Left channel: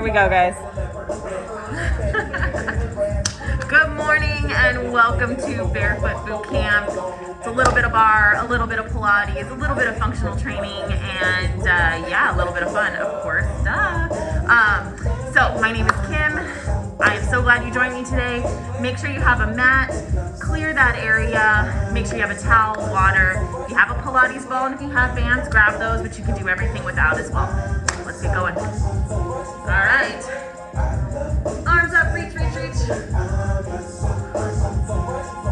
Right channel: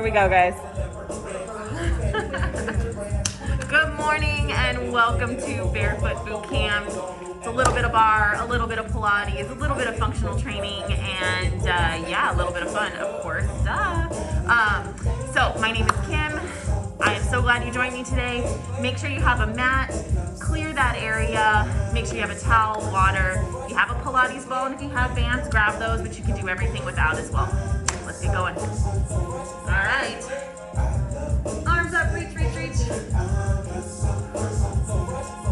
Here we go, guys. Good morning and welcome to Barefoot Bootcamp. It's a little bit of bar, a little bit of Pilates, a little bit of functional training, and yeah, a little bit of fun, of course, duh. So my name is Kim. I am so glad you joined me today. Make sure you have a mat, clear that area, make sure you have a towel, water. If you have a Pilates ball and if you have bands, grab those, but you can do everything without as well. Let's get going. All right. Arms up, reach, reach, reach.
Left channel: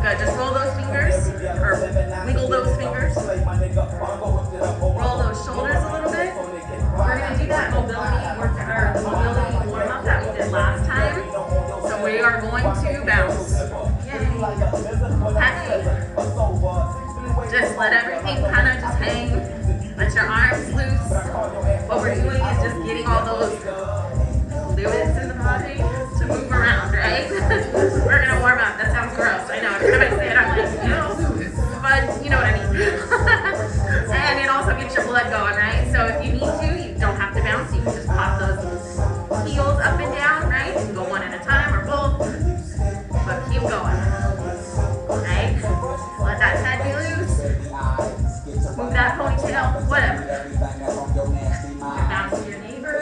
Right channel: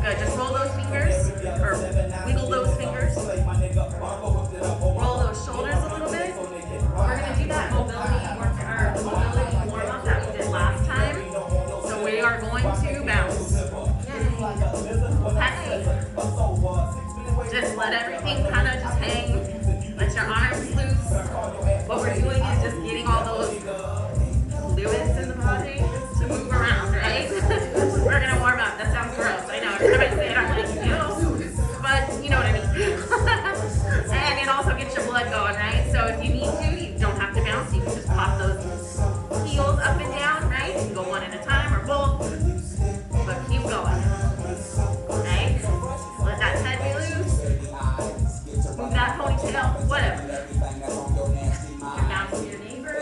Good, just roll those fingers, or wiggle those fingers. Roll those shoulders a little bit. We're gonna do that mobility warm up that we did last time. So we are going to bounce. Hey. Just let everything kind of just hang. Let your arms loose. What we're doing is just getting all those fluids in the body to move around, right? We're gonna warm up. That sounds gross. I know, every time I say it, I'm like, ew. But you know what I mean. And it also gets your blood going, right? So if you need to, you don't have to bounce. You can just pop those heels up and down, right? You can go one at a time or both, but keep going, right? Let that head be loose. Move that ponytail, whatever. You can bounce to your neighbor.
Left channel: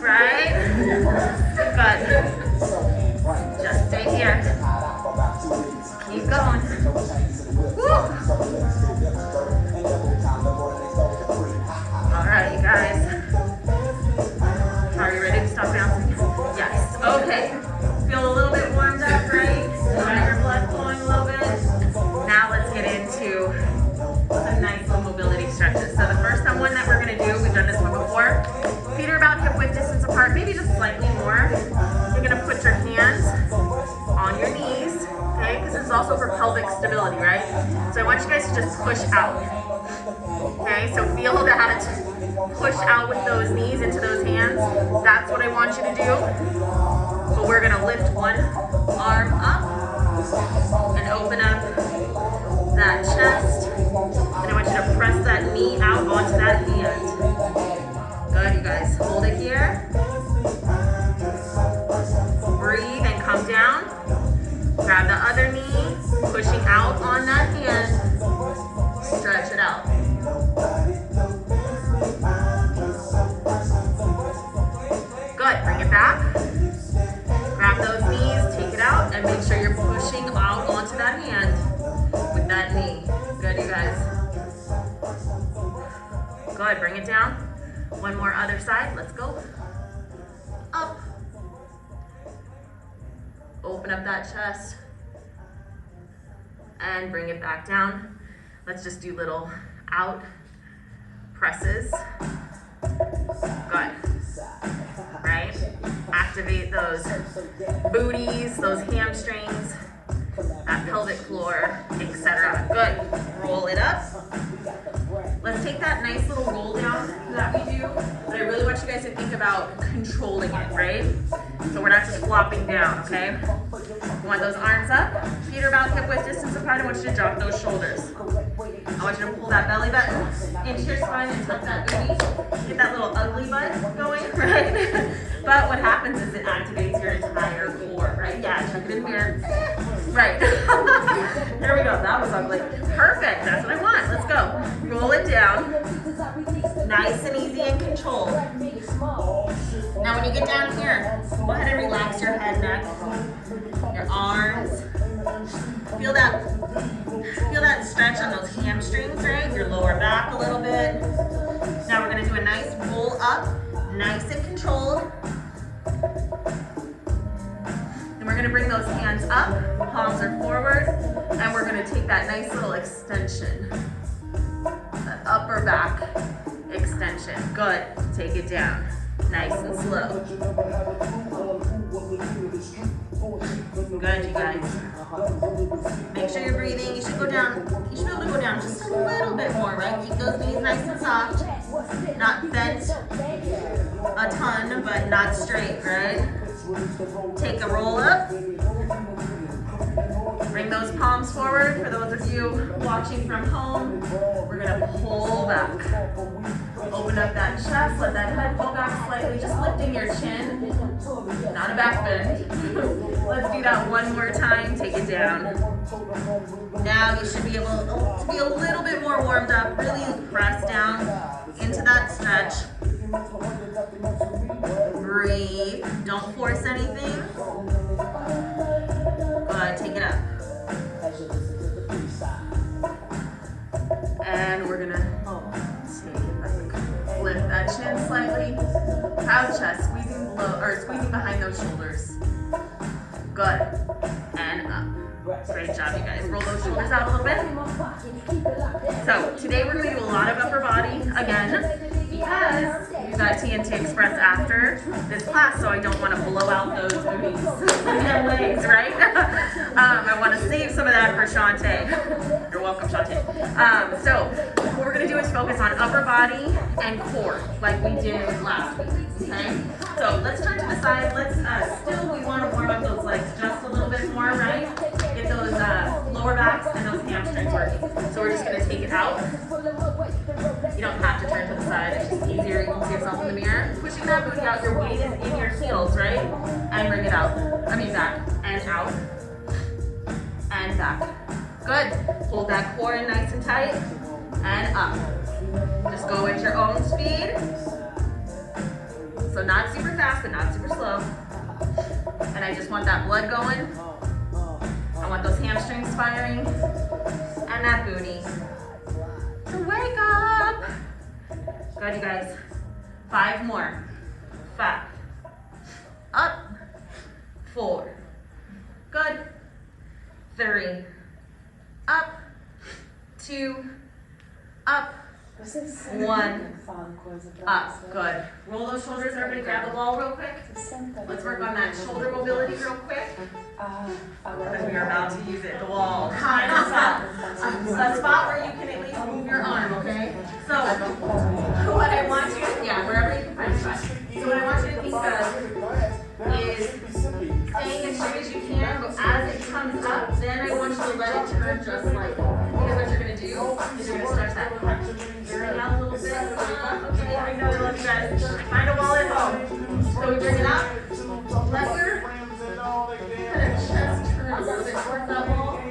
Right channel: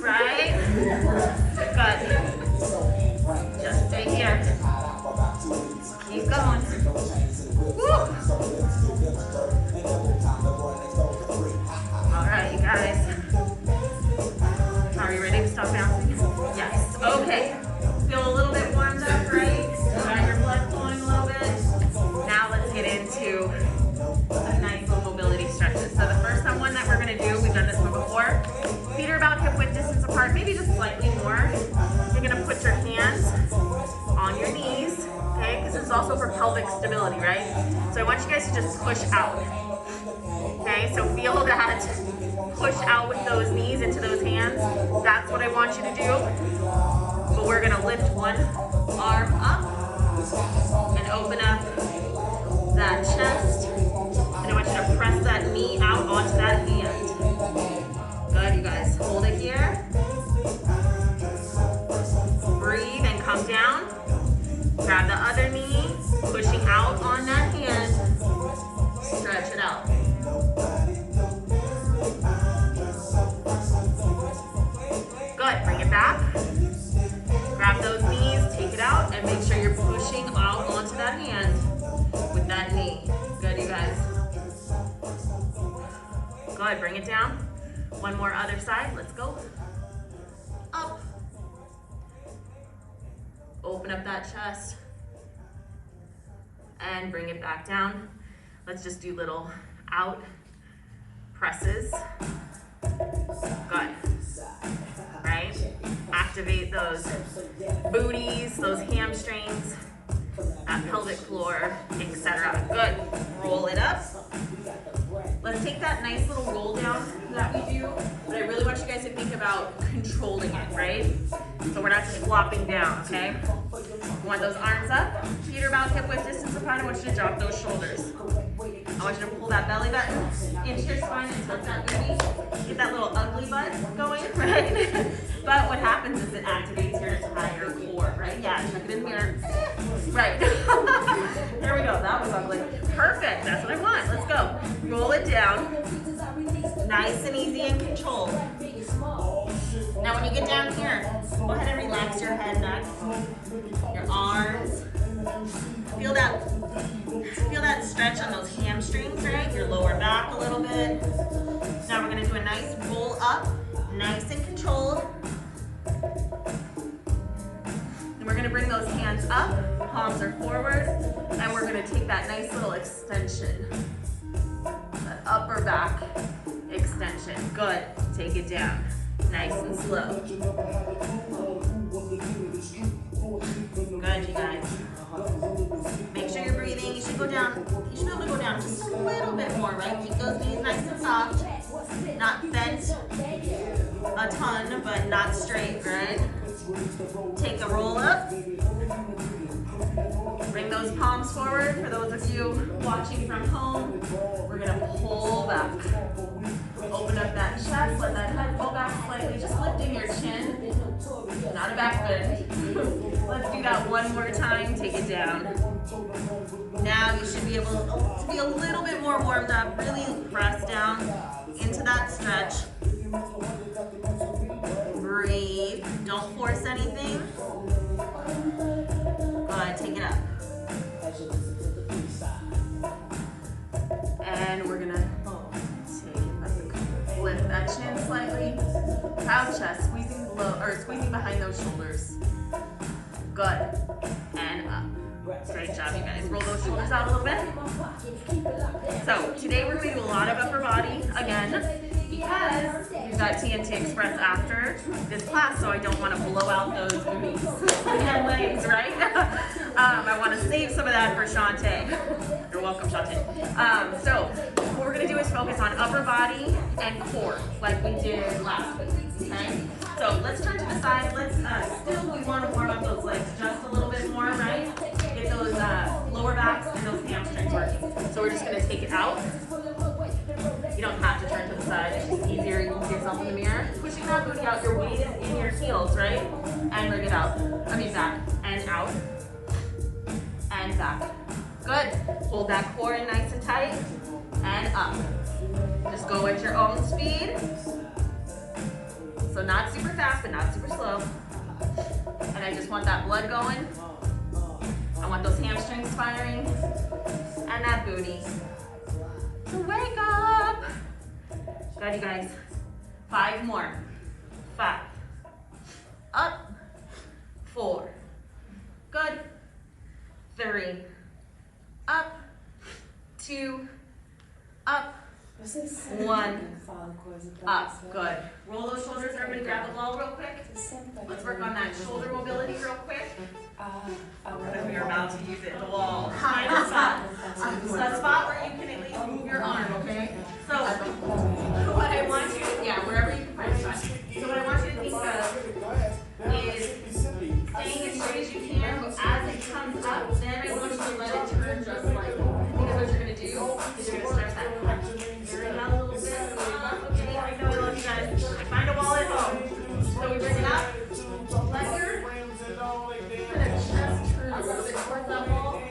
Right? Good. Just stay here. Keep going. Woo! All right, you guys. Are you ready to stop bouncing? Yes. Okay. Feel a little bit warmed up, right? You got your blood flowing a little bit. Now let's get into some nice little mobility stretches. So the first one that we're gonna do, we've done this one before. Feet are about hip width distance apart, maybe just slightly more. You're gonna put your hands on your knees, okay? Because this is also for pelvic stability, right? So I want you guys to just push out, okay? So feel that push out with those knees into those hands. That's what I want you to do. But we're gonna lift one arm up and open up that chest. And I want you to press that knee out onto that hand. Good, you guys. Hold it here. Breathe and come down. Grab the other knee, pushing out on that hand. Stretch it out. Good, bring it back. Grab those knees, take it out, and make sure you're pushing out onto that hand with that knee. Good, you guys. Good, bring it down. One more other side, let's go. Up. Open up that chest. And bring it back down. Let's just do little out presses. Good. Right? Activate those booties, those hamstrings, that pelvic floor, etc. Good. Roll it up. Let's take that nice little roll down that we do, but I really want you guys to think about controlling it, right? So we're not just flopping down, okay? You want those arms up, feet are about hip width distance apart. I want you to drop those shoulders. I want you to pull that belly button into your spine and tuck that booty. Get that little ugly butt going, right? But what happens is it activates your entire core, right? Yeah, check it in the mirror. Right. There we go. That was ugly. Perfect. That's what I want. Let's go. Roll it down. Nice and easy and controlled. Now when you get down here, go ahead and relax your head, neck, your arms. Feel that stretch on those hamstrings, right? Your lower back a little bit. Now we're gonna do a nice roll up, nice and controlled. And we're gonna bring those hands up, palms are forward, and we're gonna take that nice little extension. That upper back extension. Good, take it down. Nice and slow. Good, you guys. Make sure you're breathing. You should go down, you should be able to go down just a little bit more, right? Keep those knees nice and soft. Not bent a ton, but not straight, right? Take a roll up. Bring those palms forward. For those of you watching from home, we're gonna pull back. Open up that chest, let that head pull back slightly, just lifting your chin, not a back bend. Let's do that one more time, take it down. Now you should be able to be a little bit more warmed up, really press down into that stretch. Breathe, don't force anything. Go ahead, take it up. And we're gonna take it back. Lift that chin slightly. Proud chest, squeezing below or squeezing behind those shoulders. Good. And up. Great job, you guys. Roll those shoulders out a little bit. So today we're gonna do a lot of upper body again, because we've got TNT Express after this class, so I don't want to blow out those booties and legs, right? I want to save some of that for Shantae. You're welcome, Shantae. So what we're going to do is focus on upper body and core, like we did last week, okay? So let's turn to the side. Let's we want to warm up those legs just a little bit more, right? Get those lower backs and those hamstrings working. So we're just going to take it out. You don't have to turn to the side, it's just easier. You can see yourself in the mirror. Pushing that booty out, your weight is in your heels, right? And bring it out. Back and out. And back. Good. Hold that core in nice and tight. And up. Just go at your own speed. So not super fast, but not super slow. And I just want that blood going. I want those hamstrings firing. And that booty. So wake up. Good, you guys. 5 more. 5. Up. 4. Good. 3. Up. 2. Up. 1. Up. Good. Roll those shoulders. Everybody grab the ball real quick. Let's work on that shoulder mobility real quick. Because we are about to use it. The wall. Find a spot. A spot where you can at least move your arm, okay? So, what I want you to, wherever you can find a spot. So what I want you to think of is staying as straight as you can, but as it comes up, then I want you to let it turn just slightly. Because what you're going to do is you're going to stretch that area out a little bit. Okay, I know I love you guys. Find a wall at home. So we bring it up. Let your kind of chest turn a little bit towards that wall.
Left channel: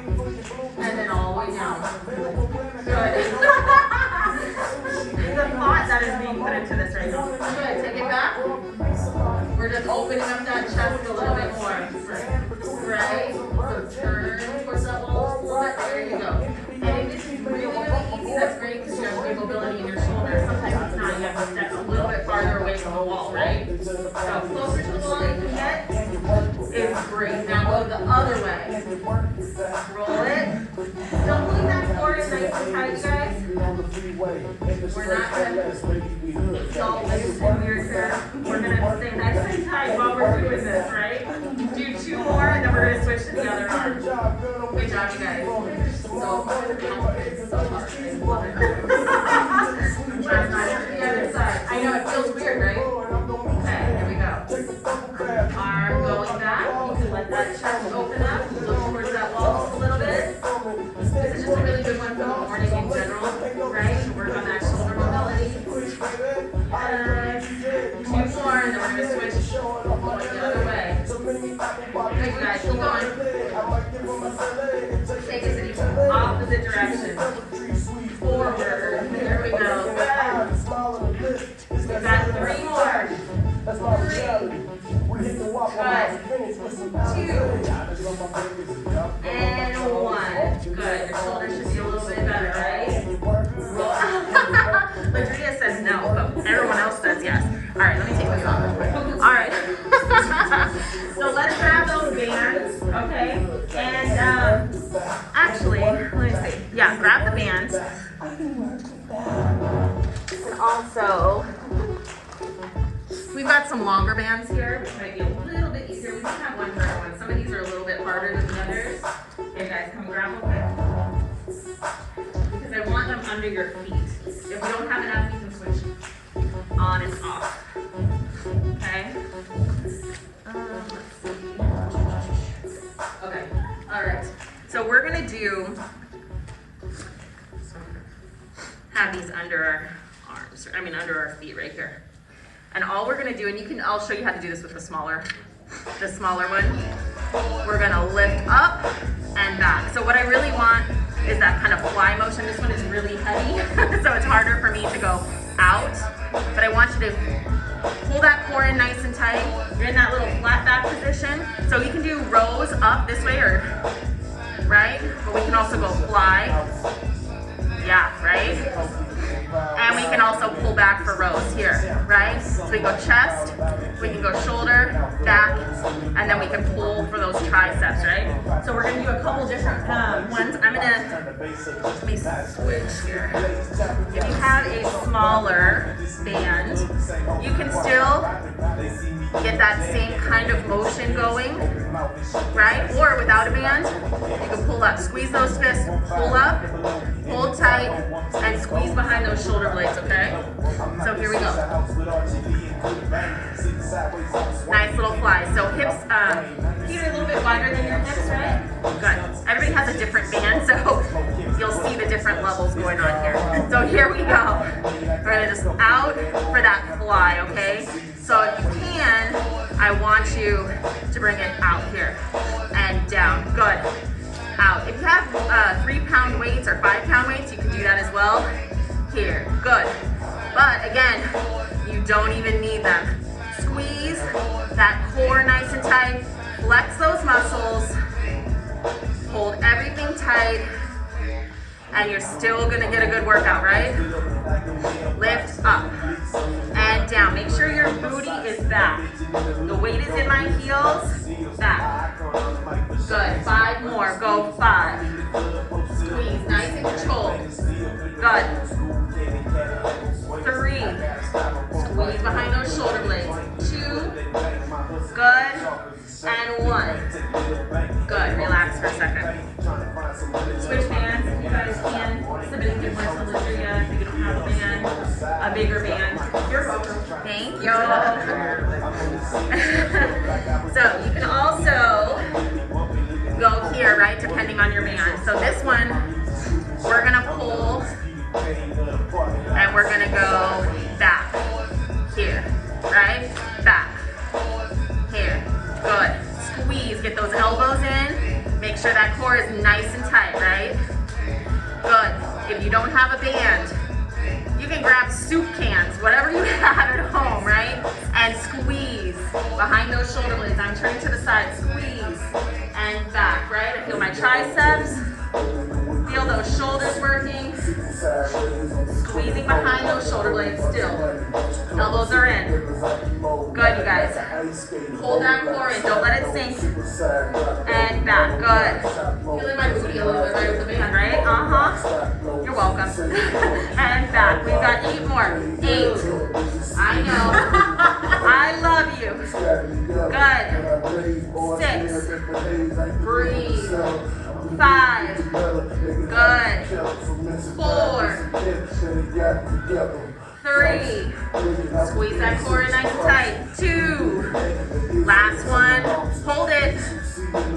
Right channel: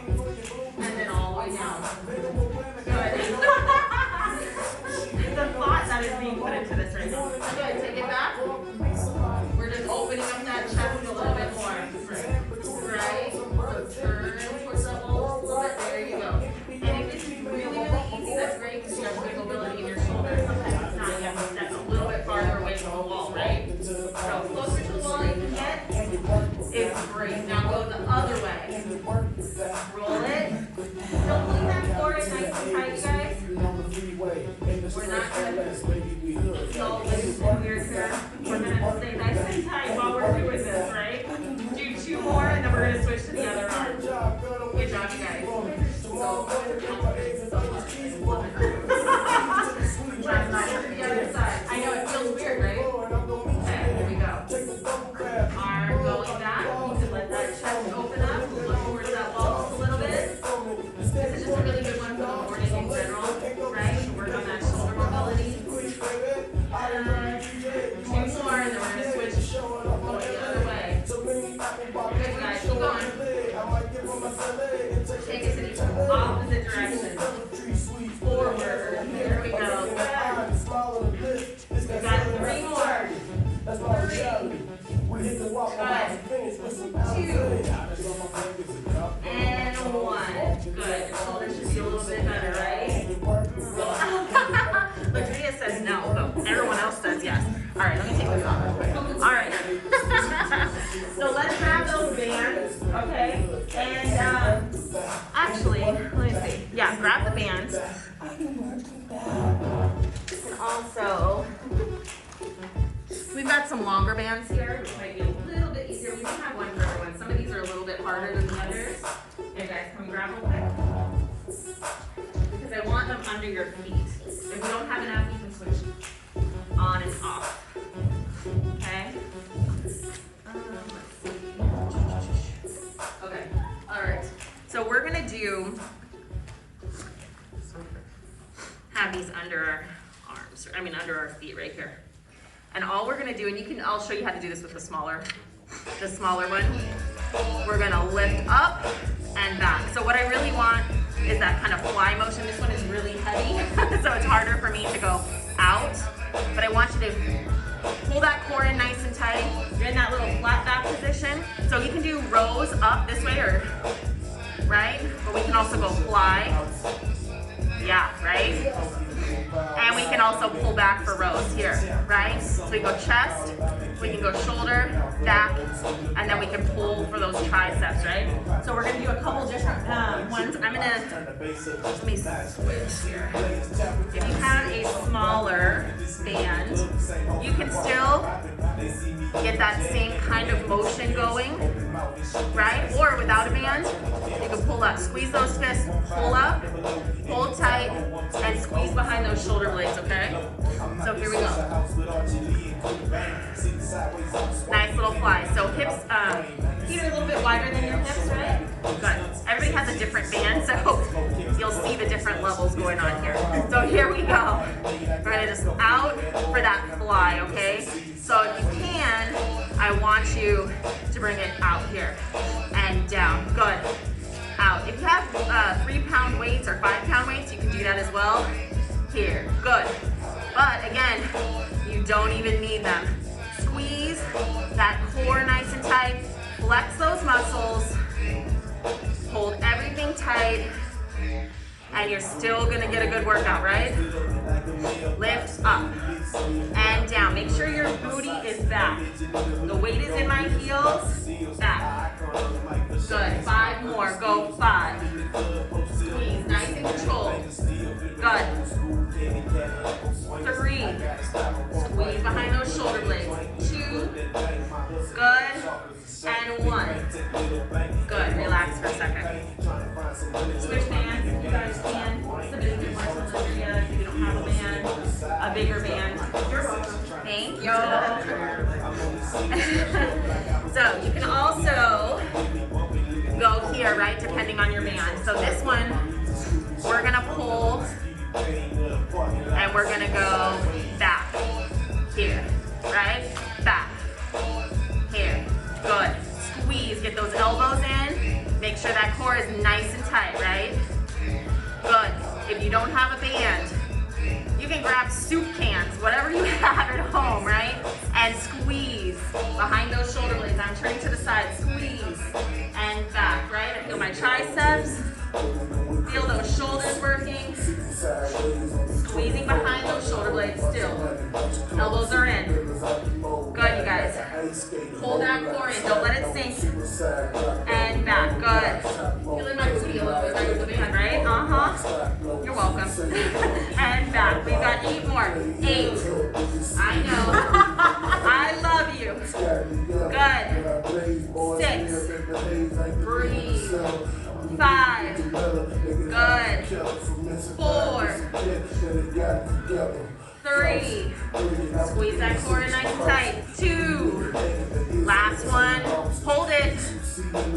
And then all the way down. Good. The thought that is being put into this right now. Good, take it back. We're just opening up that chest a little bit more. Right? So turn towards that wall just a little bit. There you go. And if this is really, really easy, that's great because you have good mobility in your shoulders. Sometimes it's not. You have to step a little bit farther away from the wall, right? So closer to the wall you can get is great. Now go the other way. Roll it. Don't believe that core is nice and tight, you guys. We're not going to get all loose and weird here. We're going to stay nice and tight while we're doing this, right? Do 2 more and then we're going to switch to the other arm. Good job, you guys. So complicated, so hard. I love it. Let's not get to the other side. I know it feels weird, right? Okay, here we go. Arm going back. You can let that chest open up. Look towards that wall just a little bit. This is just a really good one for the morning in general, right? To work on that shoulder mobility. 2 more, and then we're going to switch going the other way. Good, guys. Keep going. Take it to the opposite direction. Forward. There we go. Good. We've got 3 more. 3. Good. 2. And 1. Good. Your shoulders should be a little bit better, right? Ladria says no, but everyone else says yes. All right, let me take this off real quick. All right. So let's grab those bands, okay? And actually, let me see. Yeah, grab the bands. Also, we've got some longer bands here, which might be a little bit easier. We don't have one for everyone. Some of these are a little bit harder than the others. Okay, guys, come grab them quick. Because I want them under your feet. If we don't have enough, we can switch on and off. Okay? Let's see. Okay. All right. So to have these under our arms, under our feet right here. And all we're gonna do, and I'll show you how to do this with the smaller one. We're gonna lift up and back. So what I really want is that kind of fly motion. This one is really heavy, so it's harder for me to go out. But I want you to pull that core in nice and tight. You're in that little flat back position. So you can do rows up this way, or right? But we can also go fly. Yeah, right? And we can also pull back for rows here, right? So we go chest, we can go shoulder, back, and then we can pull for those triceps, right? So we're gonna do a couple different ones. Let me switch here. If you have a smaller band, you can still get that same kind of motion going, right? Or without a band, you can pull up. Squeeze those fists, pull up, hold tight, and squeeze behind those shoulder blades, okay? So here we go. Nice little fly. So hips, feet are a little bit wider than your hips, right? Good. Everybody has a different band, so you'll see the different levels going on here. So here we go. We're gonna just out for that fly, okay? So if you can, I want you to bring it out here and down. Good. Out. If you have 3-pound weights or 5-pound weights, you can do that as well. Here. Good. But again, you don't even need them. Squeeze that core nice and tight. Flex those muscles. Hold everything tight. And you're still gonna get a good workout, right? Lift up and down. Make sure your booty is back. The weight is in my heels. Back. Good. 5 more. Go 5. Squeeze. Nice and controlled. Good. 3. Squeeze behind those shoulder blades. 2. Good. And 1. Good. Relax for a second. Switch bands if you guys can. Somebody can work to lift you if you don't have a band, a bigger band. You're welcome. Thank you. So you can also go here, right, depending on your band. So this one, we're gonna pull and we're gonna go back here, right? Back, here, good. Squeeze, get those elbows in. Make sure that core is nice and tight, right? Good. If you don't have a band, you can grab soup cans, whatever you have at home, right? And squeeze behind those shoulder blades. I'm turning to the side, squeeze and back, right? I feel my triceps, feel those shoulders working. Squeezing behind those shoulder blades still. Elbows are in. Good, you guys. Hold that core in, don't let it sink. And back, good. Feeling my booty a little bit right with the band, right? You're welcome. And back, we've got 8 more. 8. I know. I love you. Good. 6. Breathe. 5. Good. 4. 3. Squeeze that core in nice and tight. 2. Last one. Hold it.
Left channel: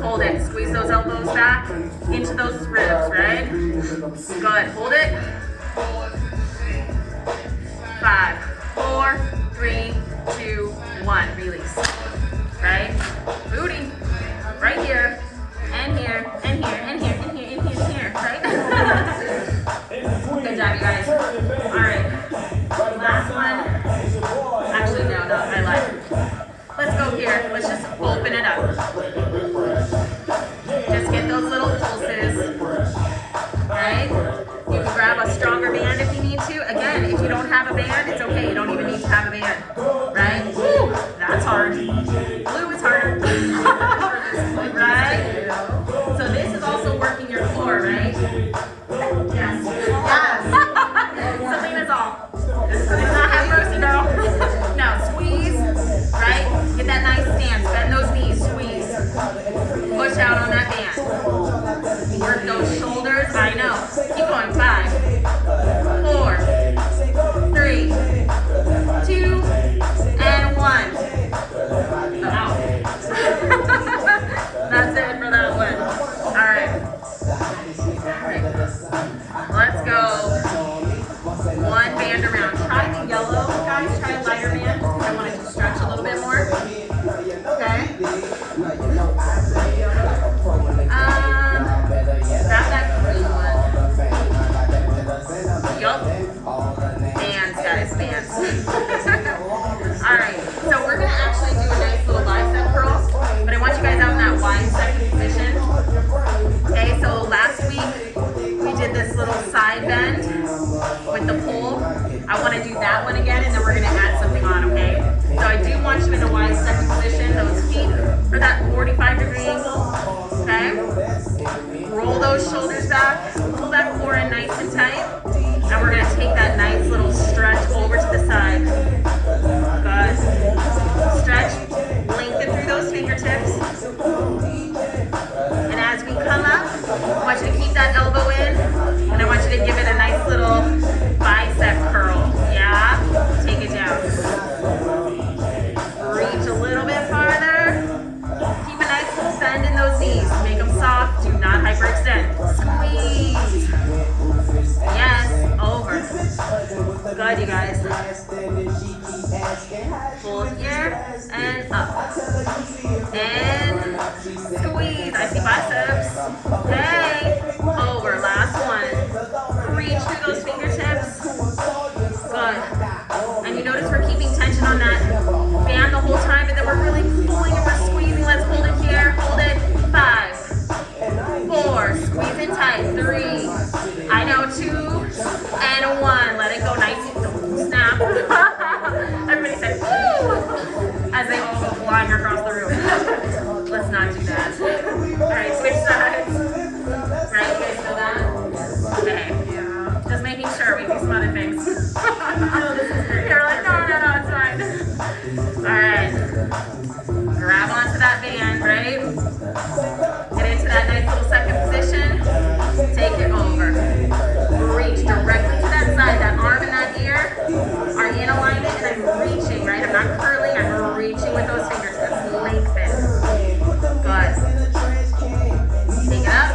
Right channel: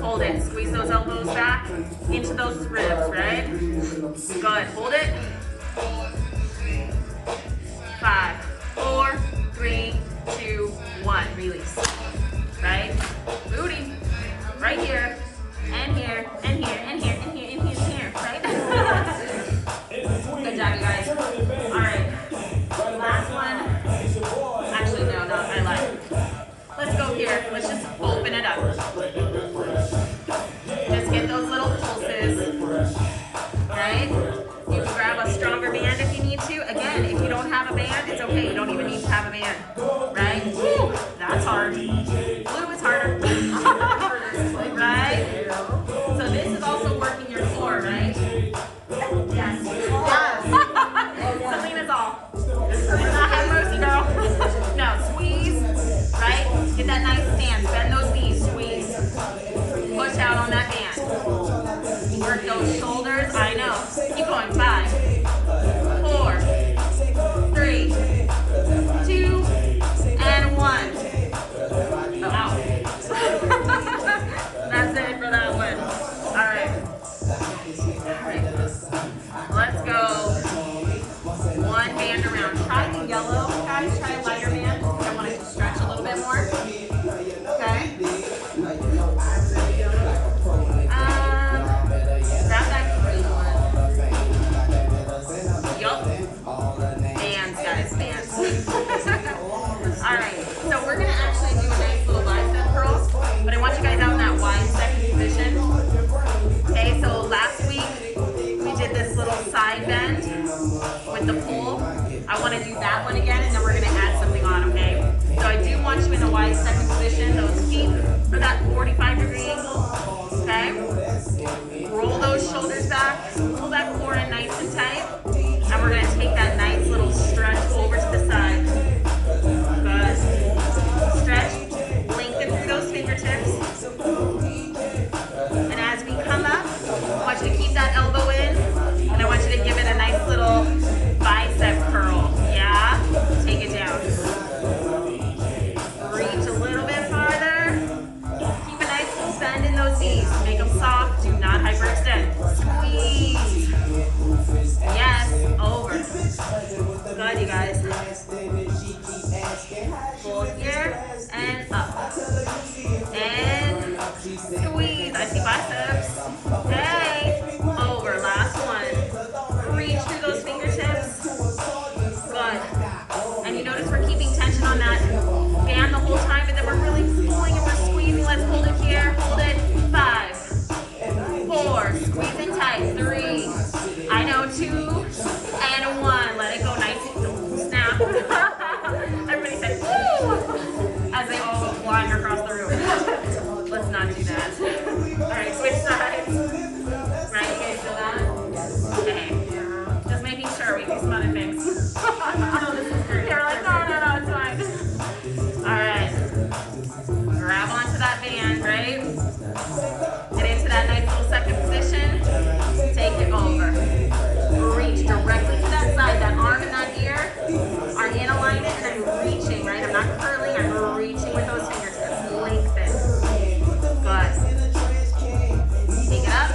Hold it. Squeeze those elbows back into those ribs, right? Good. Hold it. 5, 4, 3, 2, 1. Release. Right? Booty. Right here. And here. And here. And here. And here. And here. And here. Right? Good job, you guys. All right. Last one. Actually, no, I lied. Let's go here. Let's just open it up. Just get those little pulses. Right? You can grab a stronger band if you need to. Again, if you don't have a band, it's okay. You don't even need to have a band. Right? Woo! That's hard. Blue is harder. Right? So this is also working your core, right? Yes. Selena's all. Did not have mercy, girl. No, squeeze, right? Get that nice stance. Bend those knees. Squeeze. Push out on that band. Work those shoulders. I know. Keep going. 5, 4, 3, 2, and 1. Out. All right, so we're gonna actually do a nice little bicep curl, but I want you guys out in that wide second position. Okay, so last week we did this little side bend with the pole. I want to do that one again, and then we're gonna add something on, okay? So I do want you in a wide second position. Those feet are that 45-degree angle, okay? Roll those shoulders back, pull that core in nice and tight, and we're gonna take that nice little stretch over to the side. Good. Stretch, lengthen through those fingertips. And as we come up, I want you to keep that elbow in, and I want you to give it a nice little bicep curl. Yeah? Take it down. Reach a little bit farther. Keep a nice little bend in those knees. Make them soft. Do not hyperextend. Squeeze. Yes. Over. Good, you guys. Pull here and up. And squeeze. I see biceps. Hey. Over. Last one. Reach through those fingertips. Good. And you notice we're keeping tension on that band the whole time, but then we're really pulling and we're squeezing. Let's hold it here. Hold it. 5, 4. Squeeze in tight. 3. I know. 2 and 1. Let it go. Nice. Don't snap. Everybody say woo as they all go flying across the room. Let's not do that. All right, switch sides. Right, you guys feel that? Okay. Just making sure. We do some other things. You're like, no, it's fine. All right. Grab onto that band, right? Get into that nice little second position. Take it over. Reach directly to that side. That arm and that ear are in alignment, and I'm reaching, right? I'm not curling. I'm reaching with those fingertips. Lengthen. Good. Take it up.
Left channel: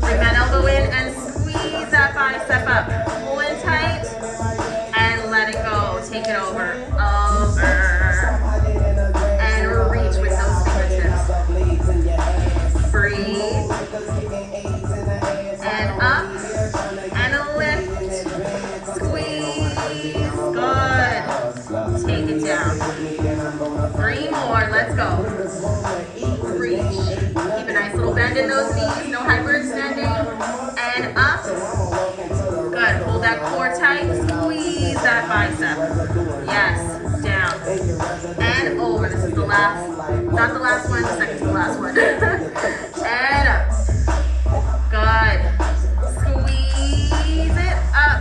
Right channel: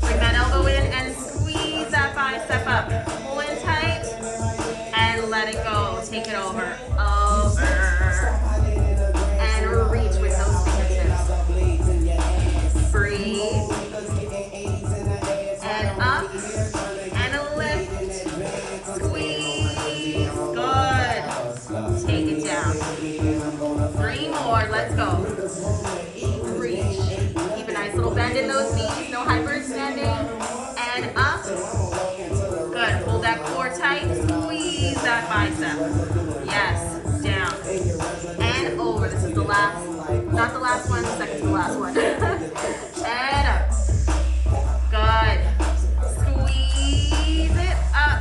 Bring that elbow in and squeeze that bicep up. Pull in tight and let it go. Take it over. Over. And reach with those fingertips. Breathe. And up. And lift. Squeeze. Good. Take it down. 3 more. Let's go. Reach. Keep a nice little bend in those knees. No hyperextending. And up. Good. Hold that core tight. Squeeze that bicep. Yes. Down. And over. This is the last. Not the last one. The second to the last one. And up. Good. Squeeze it up.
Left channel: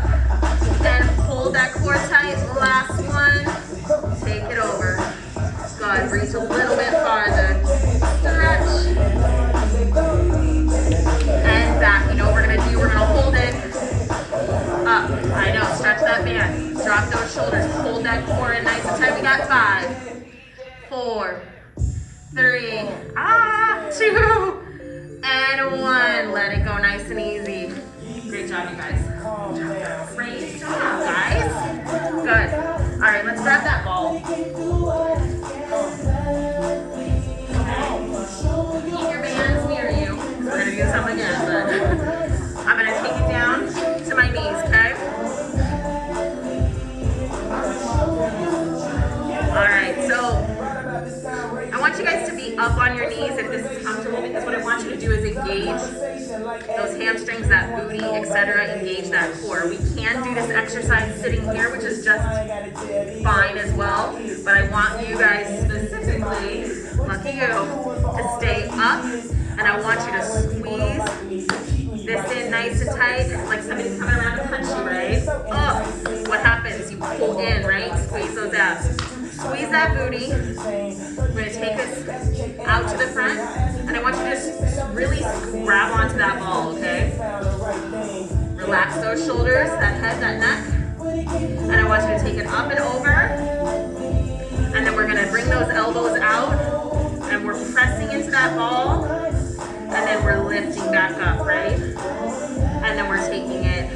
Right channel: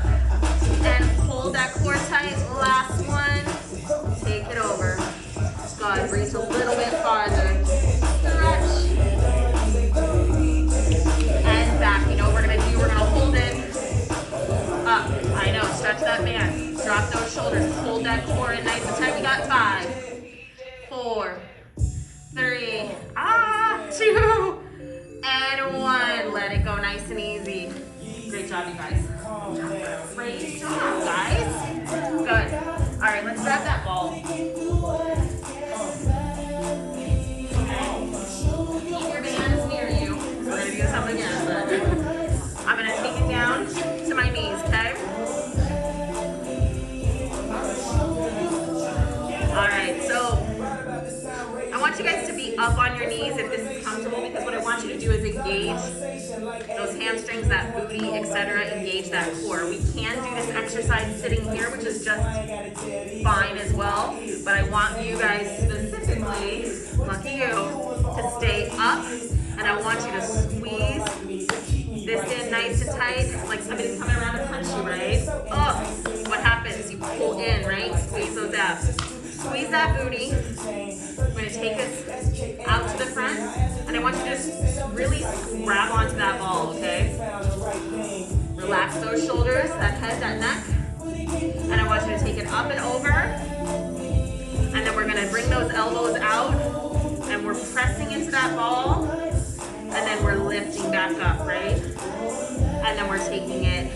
And hold that core tight. Last one. Take it over. Good. Reach a little bit farther. Stretch. And back. You know what we're going to do? We're going to hold it up. I know. Stretch that band. Drop those shoulders. Hold that core in nice and tight. We got 5, 4, 3, 2, and 1. Let it go nice and easy. Great job, you guys. Great job, guys. Good. All right, let's grab that ball. Keep your bands near you. We're going to do this up again, but I'm going to take it down to my knees, okay? All right, so I want you guys to be up on your knees if this is comfortable, because what I want you to do is engage those hamstrings, that booty, etc. Engage that core. We can do this exercise sitting here, which is just fine as well, but I want you guys specifically, lucky you, to stay up, and I want you to squeeze this in nice and tight, like somebody's coming around to punch you, right? Oh, what happens? You pull in, right? Squeeze those abs. Squeeze that booty. We're going to take this out to the front, and I want you to just really grab onto that ball, okay? Relax those shoulders, that head, that neck, and I want you to take it up and over, and then we're going to bring those elbows out, and we're pressing into that ball, and then we're lifting back up, right? And then we're taking it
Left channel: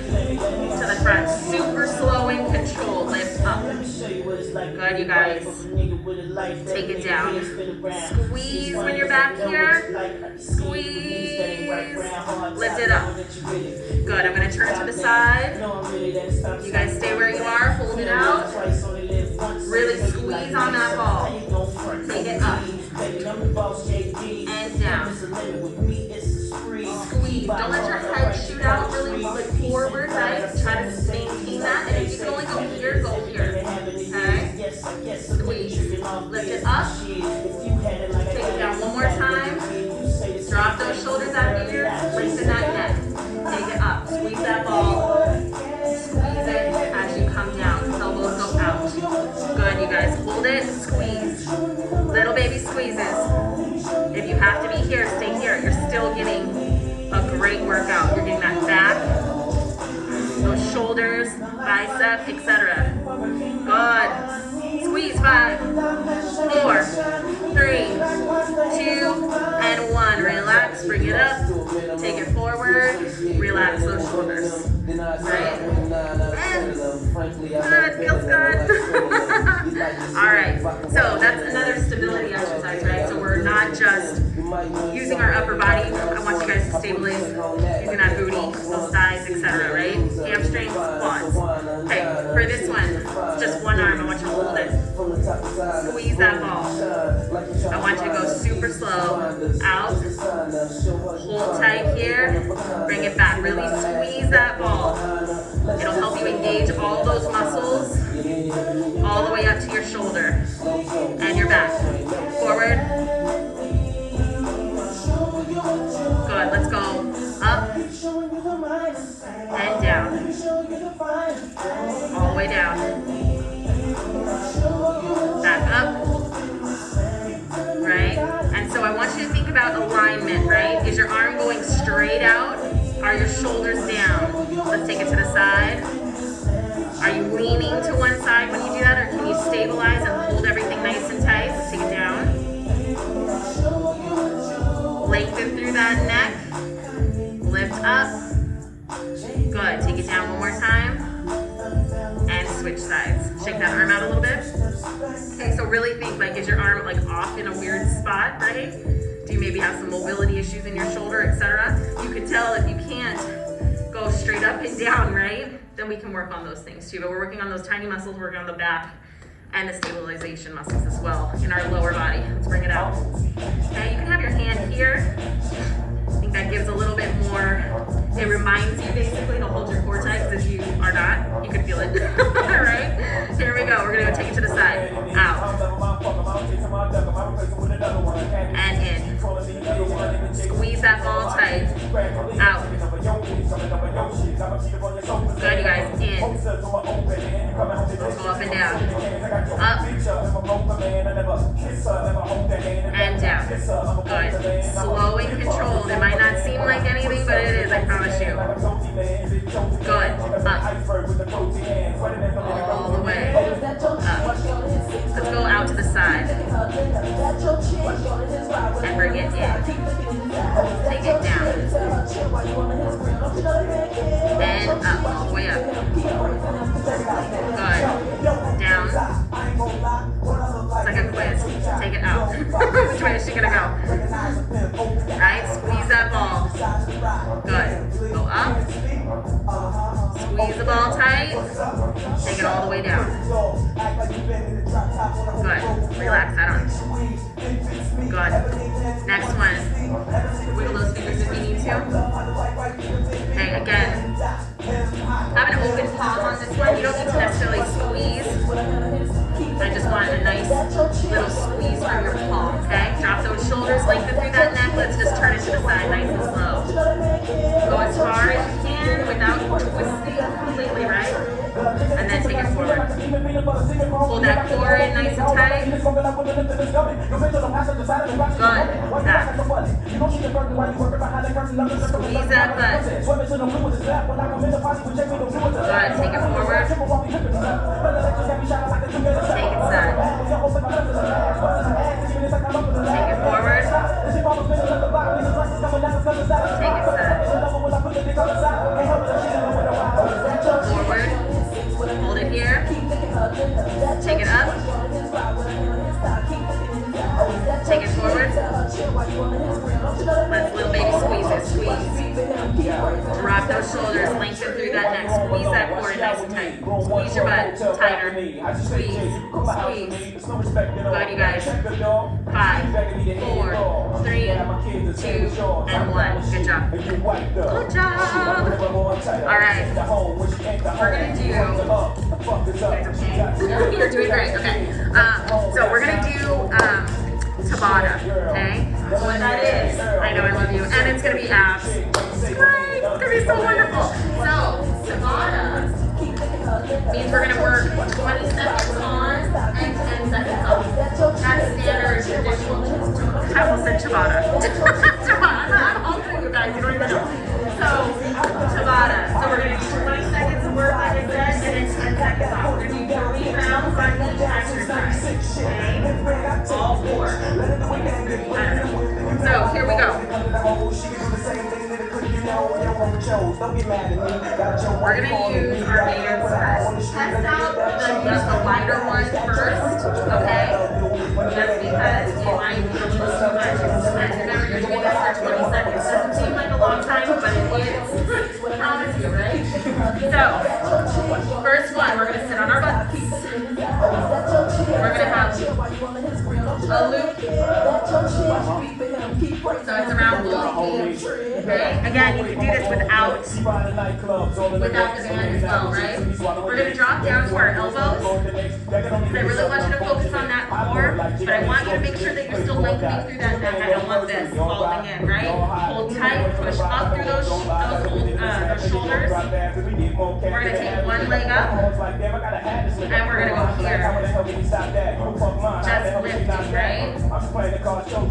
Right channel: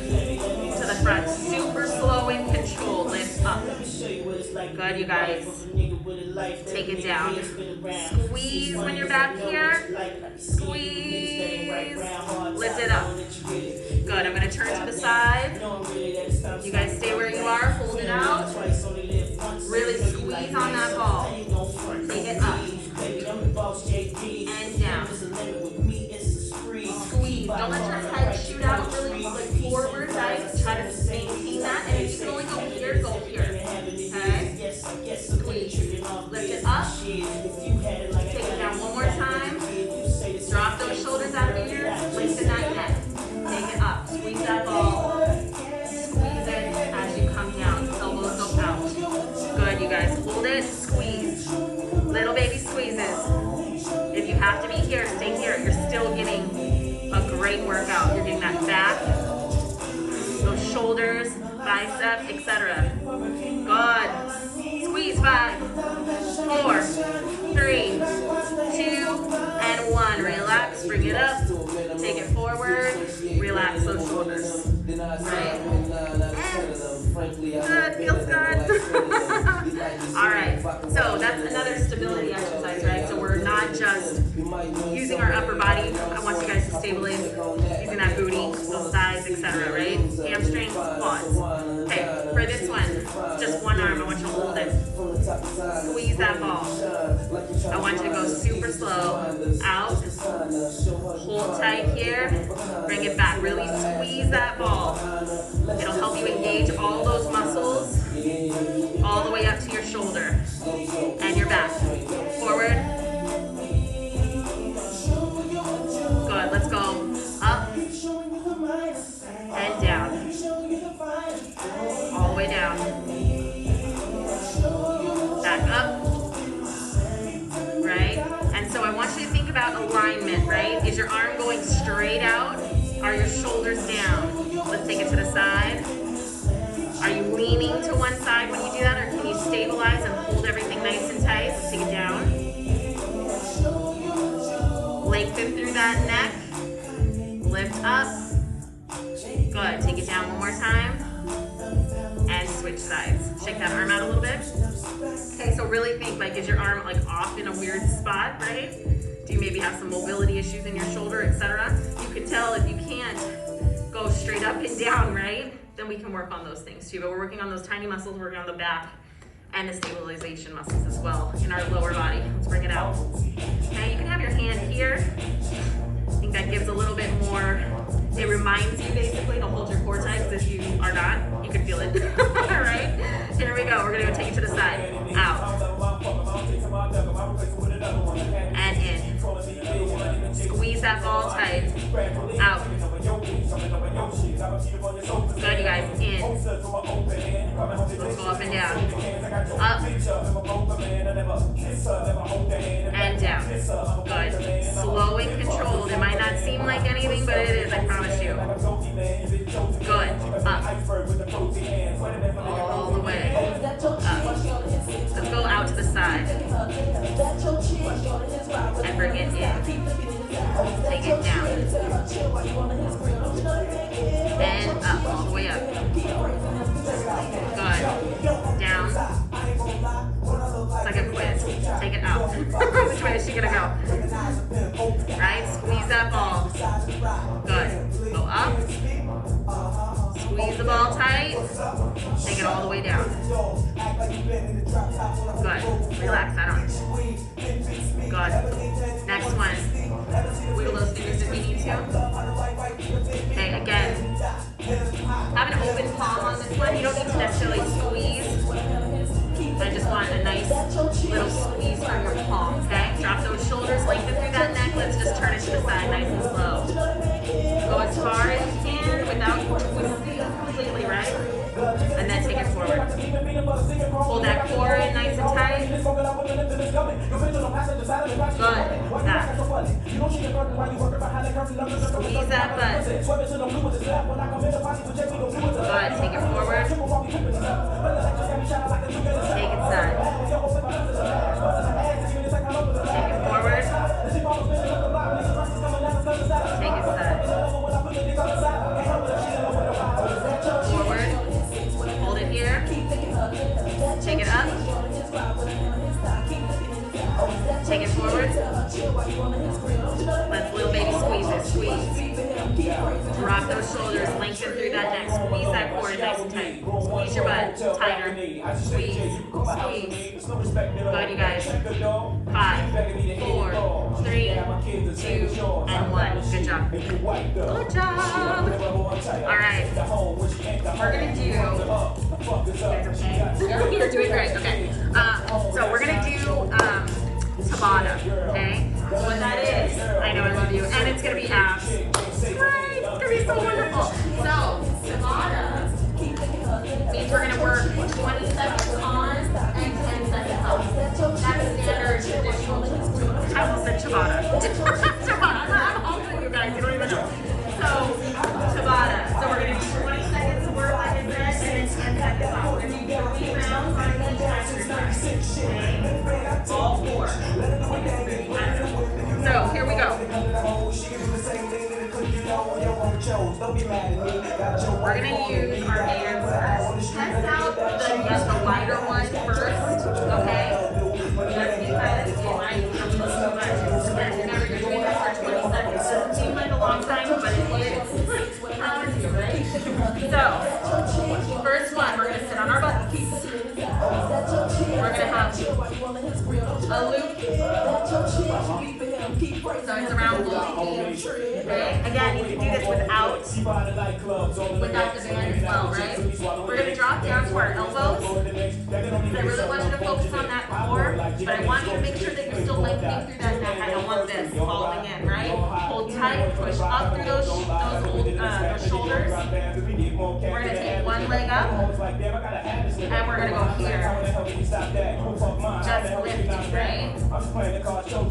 to the front. Super slow and controlled. Lift up. Good, you guys. Take it down. Squeeze when you're back here. Squeeze. Lift it up. Good. I'm going to turn to the side. You guys stay where you are, hold it out. Really squeeze on that ball. Take it up and down. Squeeze. Don't let your head shoot out really like forward, right? Try to maintain that. And if you can only go here, go here. Okay? Squeeze. Lift it up. Take it down one more time. Drop those shoulders out of your ears. Lengthen that neck. Take it up. Squeeze that ball. Squeeze it as you come down. Elbows go out. Good, you guys. Hold it. Squeeze. Little baby squeezes. If you have to be here, stay here. You're still getting a great workout. You're getting that back, those shoulders, bicep, etc. Good. Squeeze. 5, 4, 3, 2, and 1. Relax. Bring it up. Take it forward. Relax those shoulders. Right? And good. Feels good. All right. So that's another stability exercise, right? So we're not just using our upper body. I want you guys to stabilize using that booty, those thighs, etc. Right? Hamstrings, quads. Okay. For this one, just one arm. I want you to hold it. Squeeze that ball. I want you to go super slow. Out. Hold tight here. Bring it back. Really squeeze that ball. It'll help you engage all those muscles all the way up to your shoulder and your back. Forward. Good. Let's go up and down. All the way down. Back up. Right? And so I want you to think about alignment, right? Is your arm going straight out? Are your shoulders down? Let's take it to the side. Are you leaning to one side when you do that, or can you stabilize and hold everything nice and tight? Let's take it down. Lengthen through that neck. Lift up. Good. Take it down one more time. And switch sides. Shake that arm out a little bit. Okay, so really think, like, is your arm like off in a weird spot, right? Do you maybe have some mobility issues in your shoulder, etc.? You could tell if you can't go straight up and down, right? Then we can work on those things too. But we're working on those tiny muscles, we're working on the back and the stabilization muscles as well in our lower body. Let's bring it out. Okay, you can have your hand here. I think that gives a little bit more, it reminds you basically to hold your core tight, because if you are not, you can feel it. All right, here we go. We're gonna go take it to the side. Out. And in. Squeeze that ball tight. Out. Good, you guys. In. Let's go up and down. Up. And down. Good. Slow and controlled. It might not seem like anything, but it is, I promise you. Good. Up. All the way. Up. Let's go out to the side. And bring it in. Take it down. And up, all the way up. Good. Down. It's like a quiz. Take it out. Which way is she gonna go? Right? Squeeze that ball. Good. Go up. Squeeze the ball tight. Take it all the way down. Good. Relax that arm. Good. Next one. Wiggle those fingers if we need to. Okay, again. Have an open palm on this one. You don't need to necessarily squeeze. I just want a nice little squeeze from your palm, okay? Drop those shoulders, lengthen through that neck. Let's just turn it to the side, nice and slow. Go as far as you can without twisting completely, right? And then take it forward. Hold that core in nice and tight. Good. Back. Squeeze that butt. Good. Take it forward. Take it side. Take it forward. Take it side. Forward. Hold it here. Take it up. Take it forward. Let's little baby squeeze it. Squeeze. Drop those shoulders, lengthen through that neck. Squeeze that core nice and tight. Squeeze your butt tighter. Squeeze, squeeze. Good, you guys. 5, 4, 3, 2, and 1. Good job. Good job. All right. We're gonna do. You guys okay? You're doing great. Okay. So we're gonna do Tabata. Okay. So what that is, I know I love you, and it's gonna be abs. Great. It's gonna be so wonderful. So Tabata means we're gonna work 20 seconds on and 10 seconds off. That's standard traditional. I almost said Tabata. Tabata. I'm halting you guys. You don't even know. So Tabata. So we're gonna do 20 seconds of work, like I said, and then 10 seconds off. We're gonna do 3 rounds on each exercise. Okay. All 4. I don't know. So here we go. We're gonna use our bands first. Test out the lighter one first, okay? Just because it might be a little too much. Remember, you're doing this for 20 seconds. Doesn't seem like a long time, but it is. I promise you, right? So, first one, we're gonna sit on our butts. We're gonna have a loop. So it's around both feet. Okay? Again, you can do this without the band as well, right? We're going to drop down to our elbows. Because I really want you to focus on that core, but I want you to make sure that you're still lengthening through that neck. I don't want this falling in, right? Hold tight, push up through those shoulders. We're going to take one leg up, and we're going to go here. Just lifting, right?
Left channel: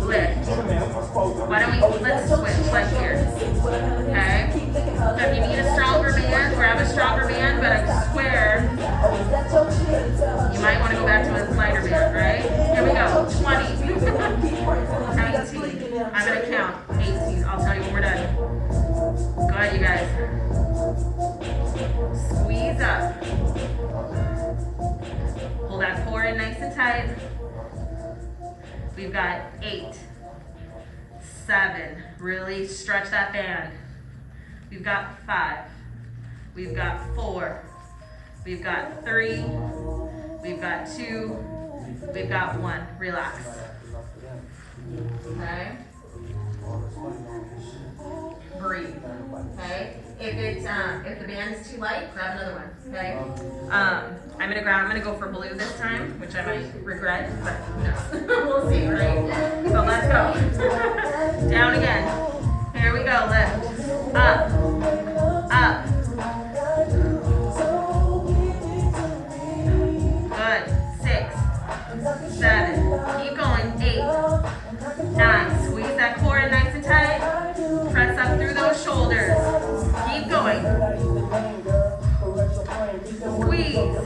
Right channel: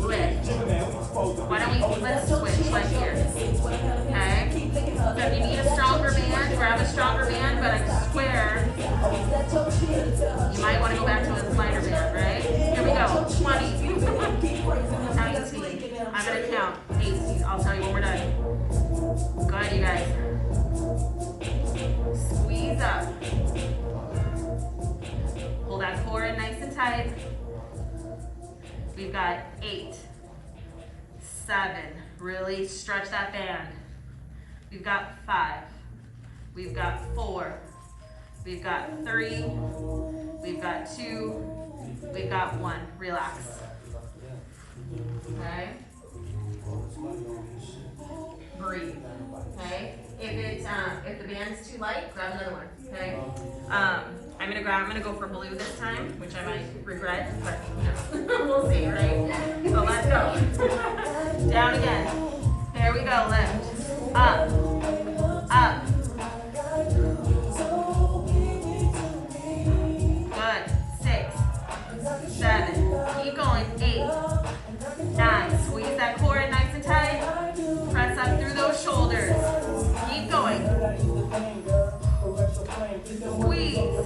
Lift. Why don't let's switch right here, okay? So if you need a stronger band, grab a stronger band, but I swear, you might want to go back to a lighter band, right? Here we go, 20. Count 18. I'm going to count 18. I'll tell you when we're done. Go ahead, you guys. Squeeze up. Pull that core in nice and tight. We've got 8, 7, really stretch that band. We've got 5, we've got 4, we've got 3, we've got 2, we've got 1. Relax. Okay? Breathe. Okay? If the band is too light, grab another one. Okay? I'm gonna go for blue this time, which I might regret, but who knows? We'll see, right? So let's go. Down again. Here we go. Lift. Up. Up. Good. 6, 7. Keep going. 8, 9. Squeeze that core in nice and tight. Press up through those shoulders. Keep going. Squeeze.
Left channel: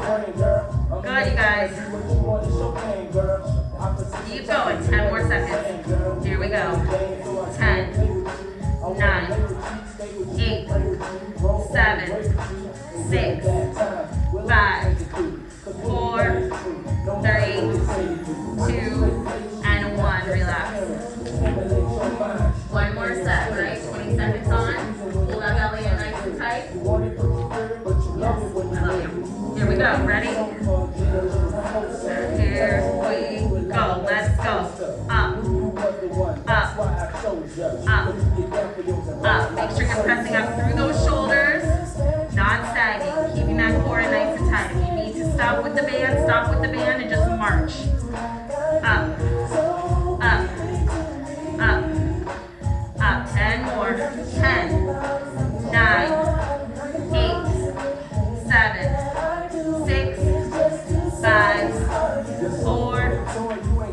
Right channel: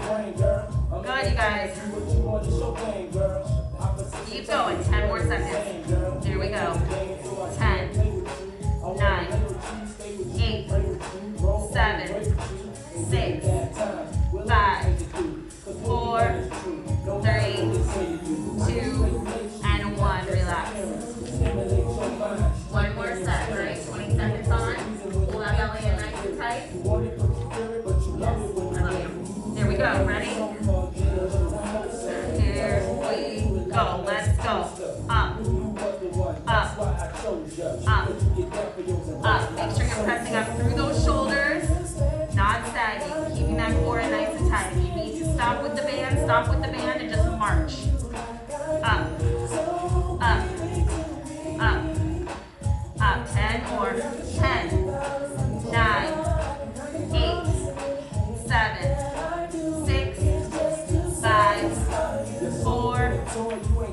Good, you guys. Keep going. 10 more seconds. Here we go. 10, 9, 8, 7, 6, 5, 4, 3, 2, and 1. Relax. One more set, right? 20 seconds on. Pull that belly in nice and tight. Yes, I love you. Here we go. Ready? Here we go. Let's go. Up. Up. Up. Up. Make sure you're pressing up through those shoulders. Not sagging. Keeping that core nice and tight. If you need to stop with the band, stop with the band and just march. Up. Up. Up. Up. 10 more. 10. 9. 8. 7. 6. 5. 4.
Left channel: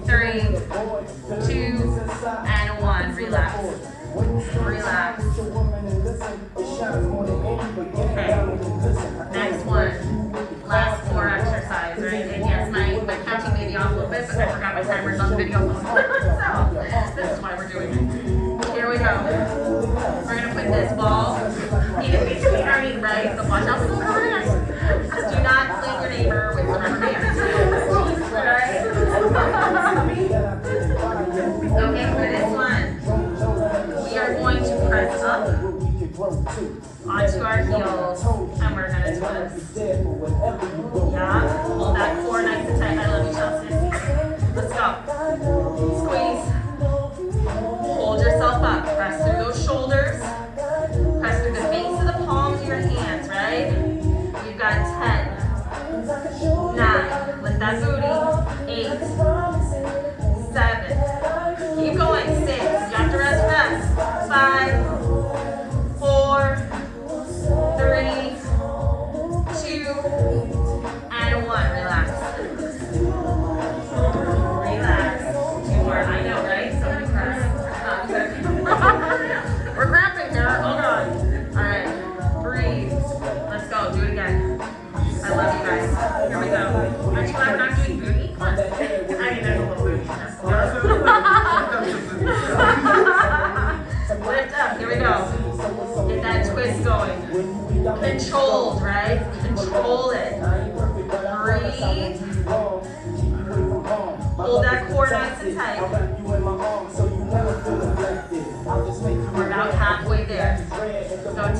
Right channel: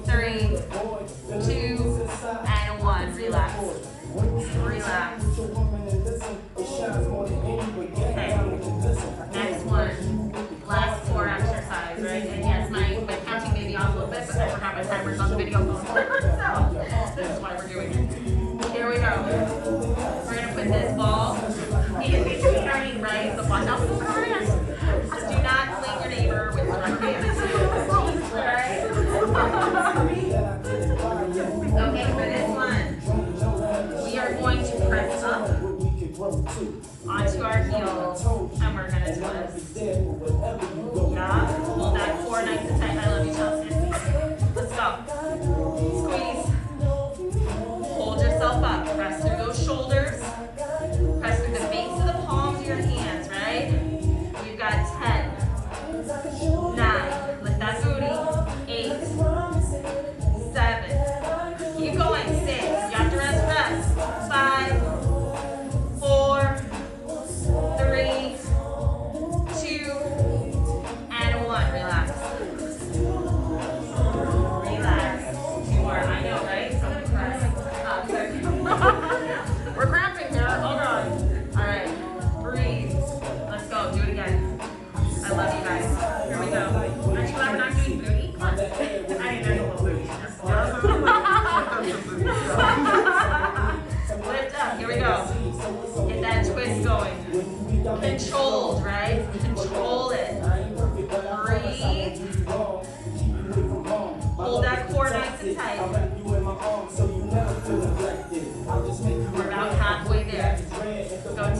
3. 2. And 1. Relax. Relax. Okay. Next one. Last 4 exercise, right? And yes, my counting may be off a little bit, but I forgot my timers on the video phone. So this is why we're doing it. Here we go. We're gonna put this ball in between our knees, right? So watch out for the rubber bands. Just do not fling your neighbor with the rubber bands. Right? Okay, for this one, we are going to press up our heels, and we're gonna twist. Yeah, hold that core nice and tight. I love you, Chelsea. Let's go. Squeeze. Hold yourself up. Press through those shoulders. Press through the base of the palms of your hands, right? We've got 10, 9, lift that booty, 8, 7, keep going, 6, you have to rest, 5, 4, 3, 2, and 1, relax. Relax. 2 more, I know, right? So press. We're cramping here, oh God. All right, breathe. Let's go, do it again. I love you guys. Here we go. Aren't you glad we're not doing booty? Come on. I mean, there's a little booty in there. Lift up, here we go. Get that twist going. Controlled, right? Control it. Breathe. Hold that core nice and tight. We're about halfway there. So 10,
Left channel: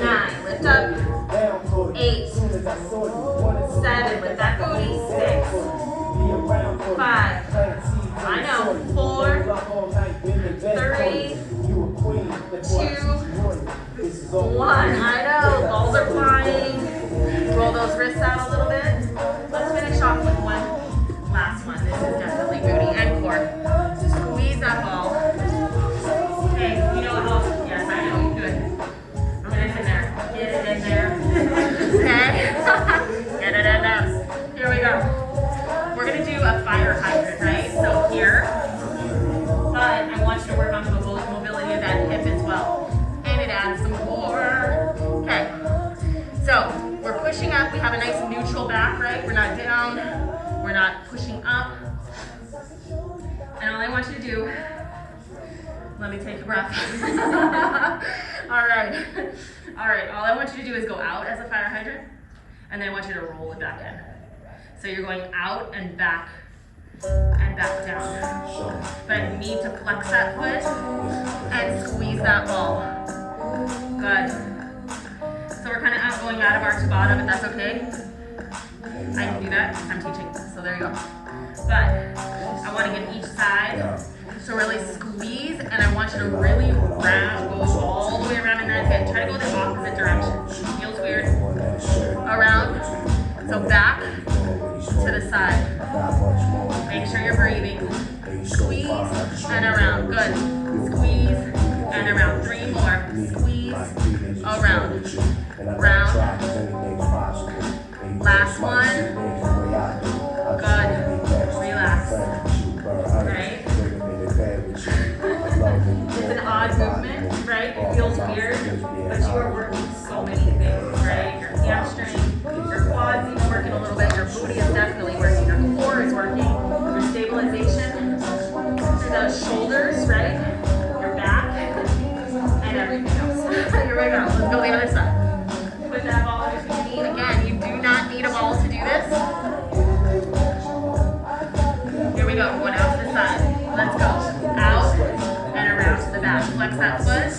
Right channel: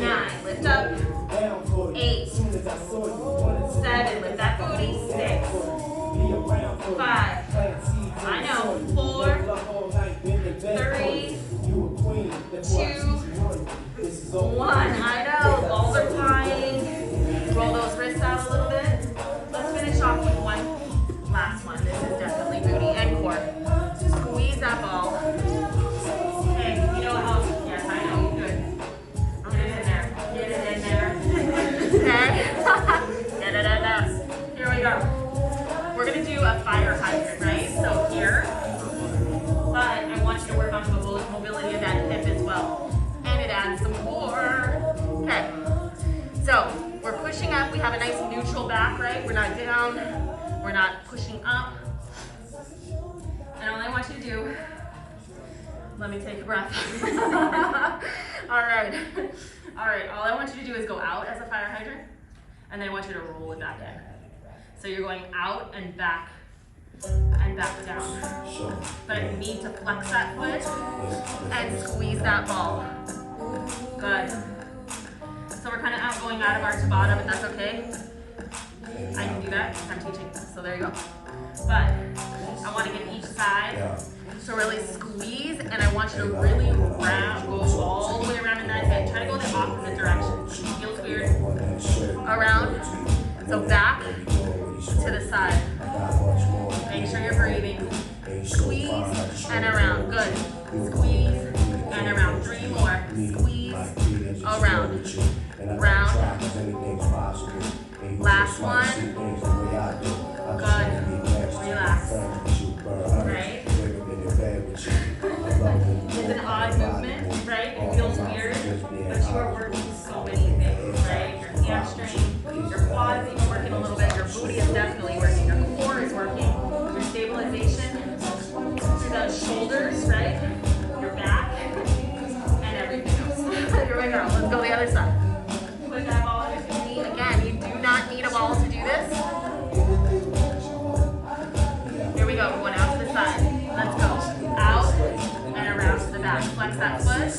9, lift up, 8, 7, lift that booty, 6, 5, I know, 4, 3, 2, 1, I know, balls are flying. Roll those wrists out a little bit. Let's finish off with one last one. This is definitely booty and core. Squeeze that ball. Hey, you know how, yes, I know, you good. Get it in there. Get it in there. Okay? Get it in there. Here we go. We're going to do a fire hydrant, right? So here. But I want you to work on the mobility of that hip as well. And it adds some core. Okay. So we're pushing up. We have a nice neutral back, right? We're not down. We're not pushing up. And all I want you to do, let me take a breath. All right. All right, all I want you to do is go out as a fire hydrant, and then I want you to roll it back in. So you're going out and back down. But you need to flex that foot and squeeze that ball. Good. So we're kind of going out of our Tabata, but that's okay. I can do that, I'm teaching, so there you go. But I want to get each side, so really squeeze, and I want you to really go all the way around in that hip. Try to go the opposite direction. Feels weird. Around, so back to the side. Make sure you're breathing. Squeeze and around, good. Squeeze and around, 3 more. Squeeze, around, round. Last one. Good. Relax. Right? It's an odd movement, right? It feels weird, but you are working so many things, right? Your hamstring, your quads even working a little bit, your booty is definitely working, your core is working, your stabilization through the shoulders, right? Your back, and everything else. Here we go. Let's go the other side. Put that ball under your knee. Again, you do not need a ball to do this. Here we go. Going out to the side. Let's go. Out and around to the back. Flex that foot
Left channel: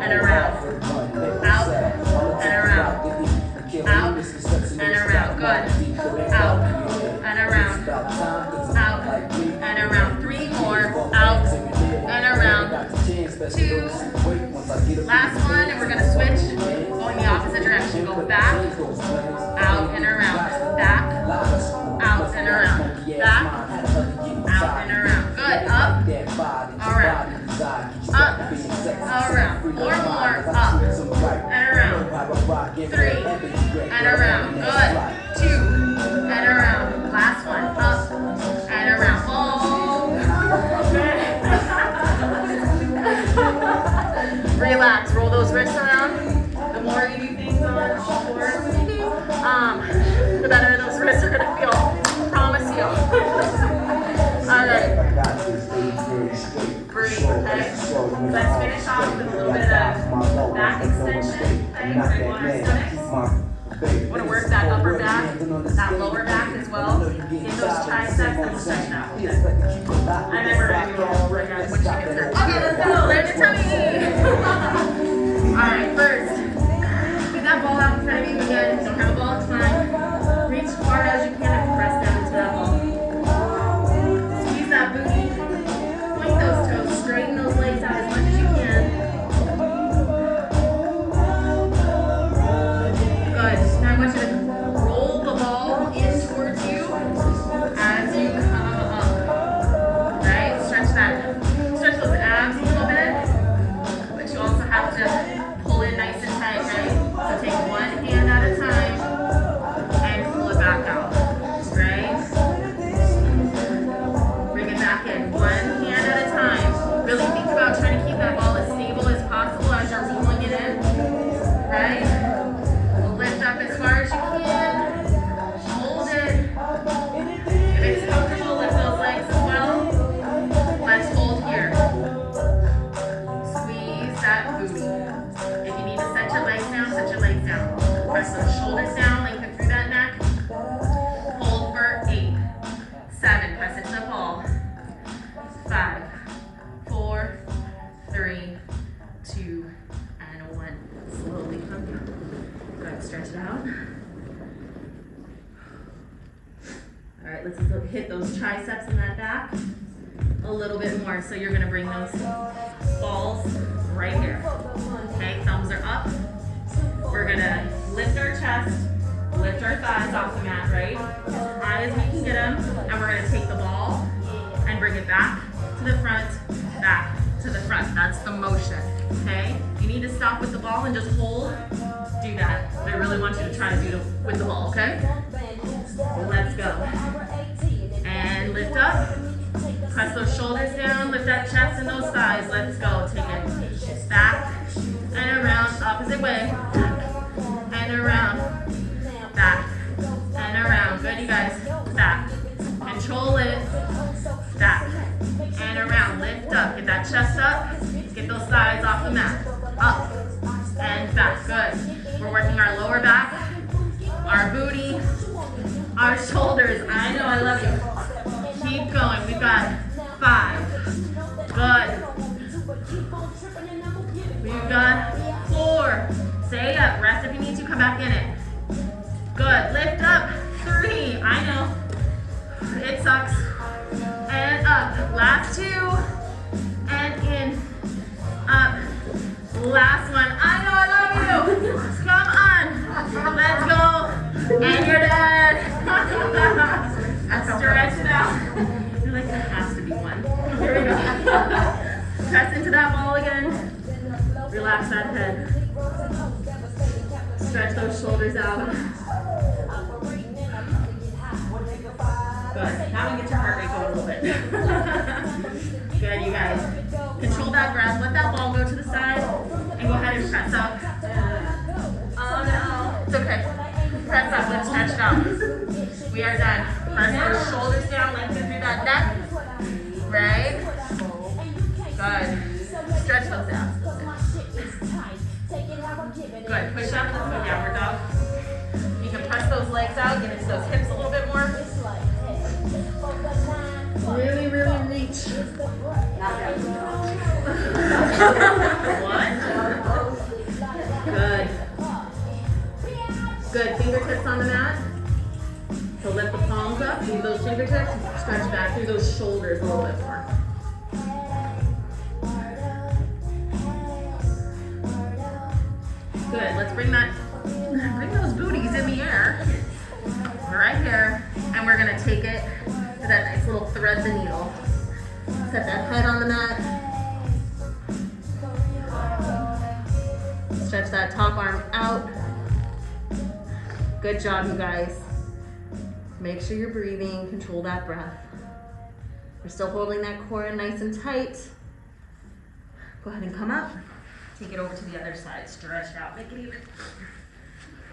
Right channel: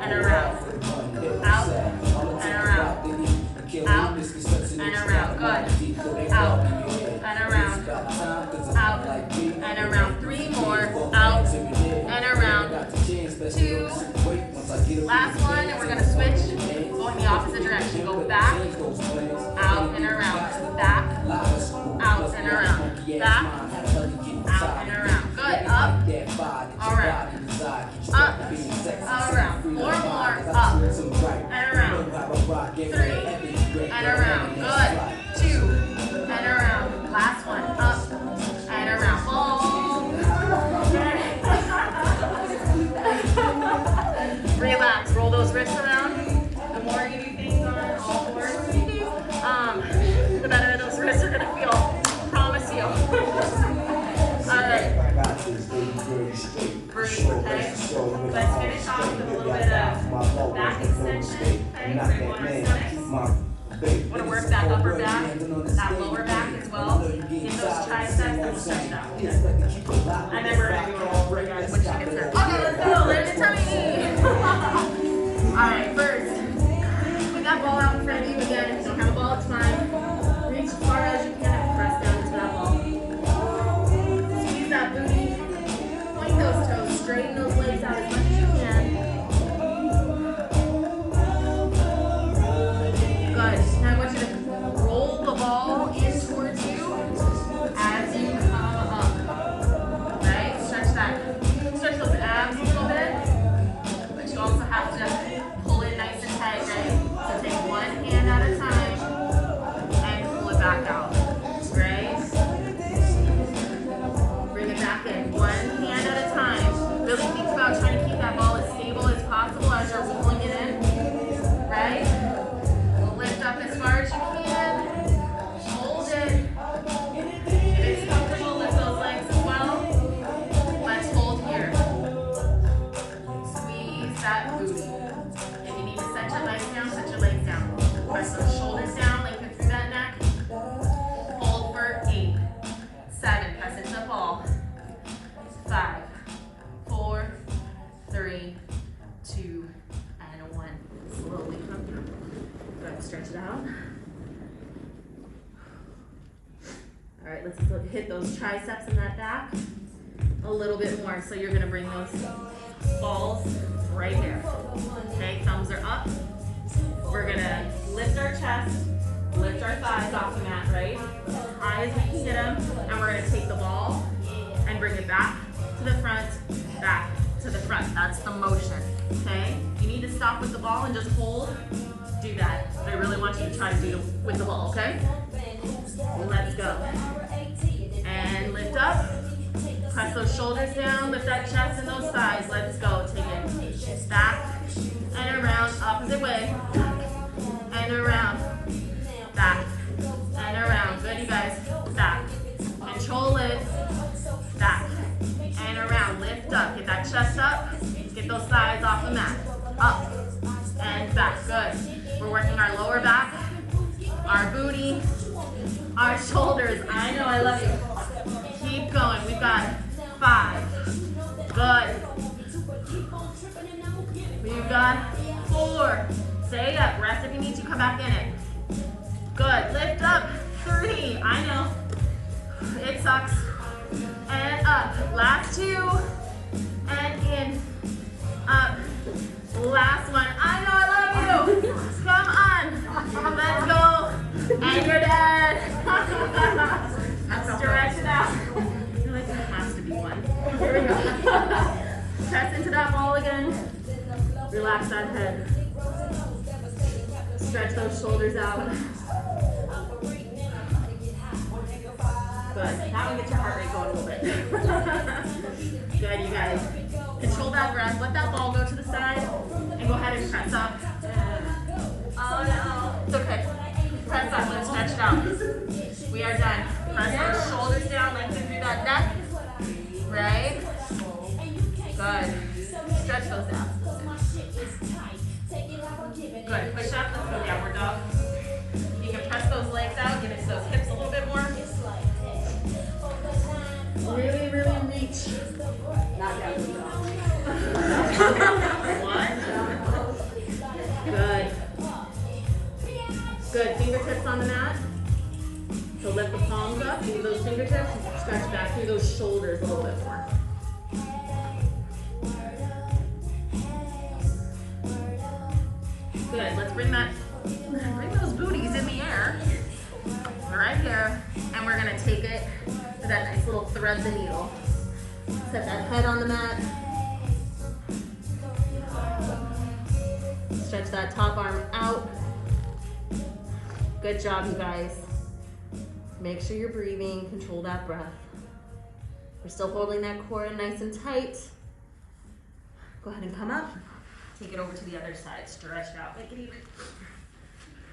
and around. Out and around. Out and around. Good. Out and around. Out and around. 3 more. Out and around. 2. Last one, and we're going to switch. Going the opposite direction. Go back, out and around. Back, out and around. Back, out and around. Good. Up, around. Up, around. 4 more. Up and around. 3 and around. Good. 2 and around. Last one. Up and around. Relax. Roll those wrists around. The more you do things on all 4, the better those wrists are going to feel. Promise you. All right. Breathe, okay? Let's finish off with a little bit of back extension, okay? We're going to go on our stomachs. Want to work that upper back, that lower back as well. Get those triceps, then we'll stretch it out. Okay. And then we're going to do it all over again when she gets here. Okay, let's go. Lift your tummy. Alright, first, put that ball out in front of you again. If you don't have a ball, it's fine. Reach as far as you can and press down into that ball. Squeeze that booty. Point those toes. Straighten those legs out as much as you can. Good. Now I want you to roll the ball in towards you as you come up. Right? Stretch those abs a little bit. But you also have to pull it nice and tight, right? So take one hand at a time and pull it back out. Right? Bring it back in. One hand at a time. Really think about trying to keep that ball as stable as possible as you're rolling it in. Right? Lift up as far as you can. Hold it. If it's comfortable, lift those legs as well. Let's hold here. Squeeze that booty. If you need to set your legs down, set your legs down. Press those shoulders down, lengthen through that neck. Hold for 8, 7, press into the ball. 5, 4, 3, 2, and 1. Slowly come down. Good, stretch it out. All right, let's hit those triceps in that back a little bit more. So you're gonna bring those balls right there. Okay, thumbs are up. We're gonna lift our chest, lift our thighs off the mat, right? As high as we can get them. And we're gonna take the ball and bring it back to the front, back to the front. That's the motion, okay? You need to stop with the ball and just hold. Do that. I really want you to try to do it with the ball, okay? Let's go. And lift up. Press those shoulders down. Lift that chest and those thighs. Let's go. Take it back and around. Opposite way. And around. Back and around. Good, you guys. Back. Control it. Back and around. Lift up. Get that chest up. Get those thighs off the mat. Up and back. Good. We're working our lower back, our booty, our shoulders. I know, I love you. Keep going. We've got 5. Good. We've got 4. Stay up. Rest if you need to. Come back in it. Good. Lift up. 3. I know. It sucks. And up. Last 2. And in. Up. Last one. I know, I love you. Come on. Let's go. And you're done. Stretch it out. You're like, there has to be one. Here we go. Press into that ball again. Relax that head. Stretch those shoulders out. Good. That one gets your heart rate going a little bit. Good, you guys. Control that breath. Let that ball go to the side. And go ahead and press up. Oh no. It's okay. Press up. Let's stretch it out. We are done. Press those shoulders down. Lengthen through that neck. Right? Good. Stretch those out. Good. Push up. Let's go downward dog. You can press those legs out. Get into those hips a little bit more. Really, really reach. One. Good. Good. Fingertips on the mat. So lift the palms up. Leave those fingertips. Stretch back through those shoulders a little bit more. Good. Let's bring those booties in the air. Right here. And we're gonna take it to that nice little thread the needle. Set that head on the mat. Stretch that top arm out. Good job, you guys. Make sure you're breathing. Control that breath. We're still holding that core in nice and tight. Go ahead and come up. Take it over to the other side. Stretch out. Make it even.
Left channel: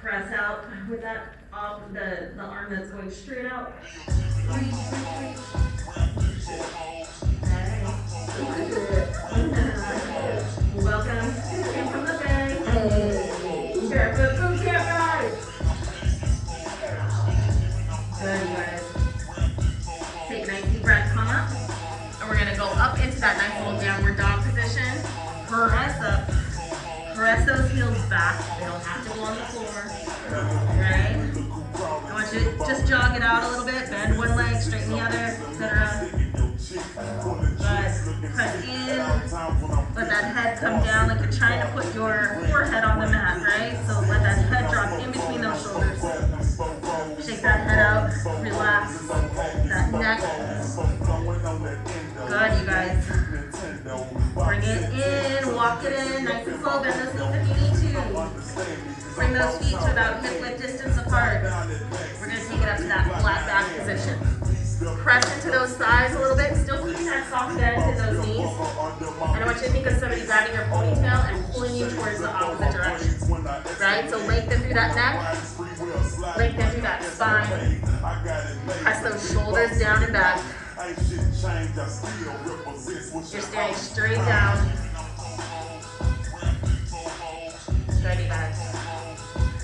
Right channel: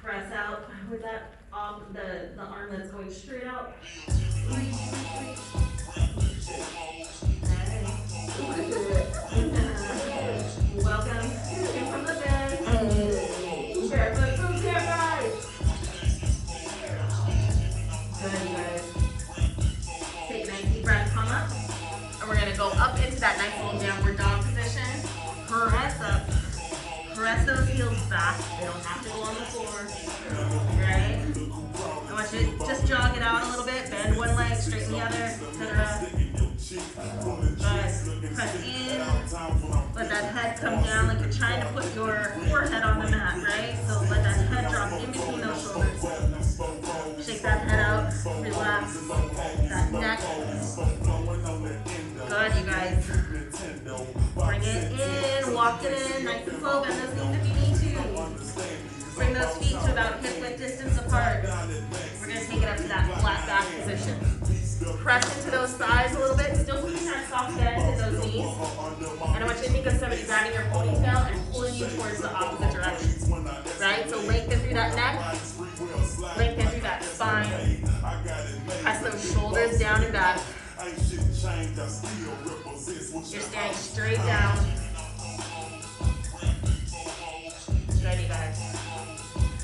Press out with that the arm that's going straight out. Reach, reach, reach. Hey. Welcome. Came from the bank. Barefoot Bootcamp, guys. Good, you guys. Take a nice deep breath. Come up. And we're going to go up into that nice little downward dog position. Press up. Press those heels back. They don't have to go on the floor, right? I want you to just jog it out a little bit. Bend one leg, straighten the other, etc. Good. Press in. Let that head come down like you're trying to put your forehead on the mat, right? So let that head drop in between those shoulders. Shake that head out. Relax that neck. Good, you guys. Bring it in, walk it in, nice and slow. Bend those knees if you need to. Bring those feet to about hip width distance apart. We're gonna take it up to that flat back position. Press into those thighs a little bit, still keeping that soft bend in those knees. And I want you to think of somebody grabbing your ponytail and pulling you towards the opposite direction, right? So lengthen through that neck, lengthen through that spine. Press those shoulders down and back. You're staring straight down. Good, you guys.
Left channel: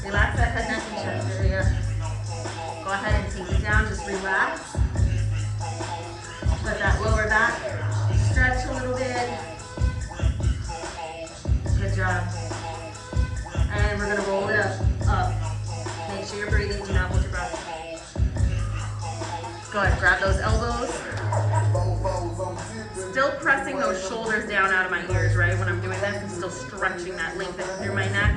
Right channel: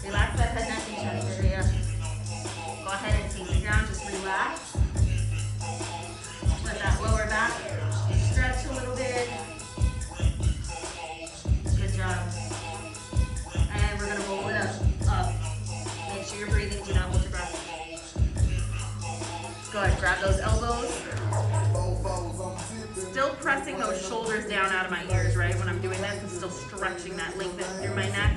Relax that head, neck, and chest area. Go ahead and take it down, just relax. Let that lower back stretch a little bit. Good job. And we're gonna roll it up. Make sure you're breathing, do not hold your breath. Good, grab those elbows. Still pressing those shoulders down out of my ears, right? When I'm doing this, I'm still stretching that length through my neck.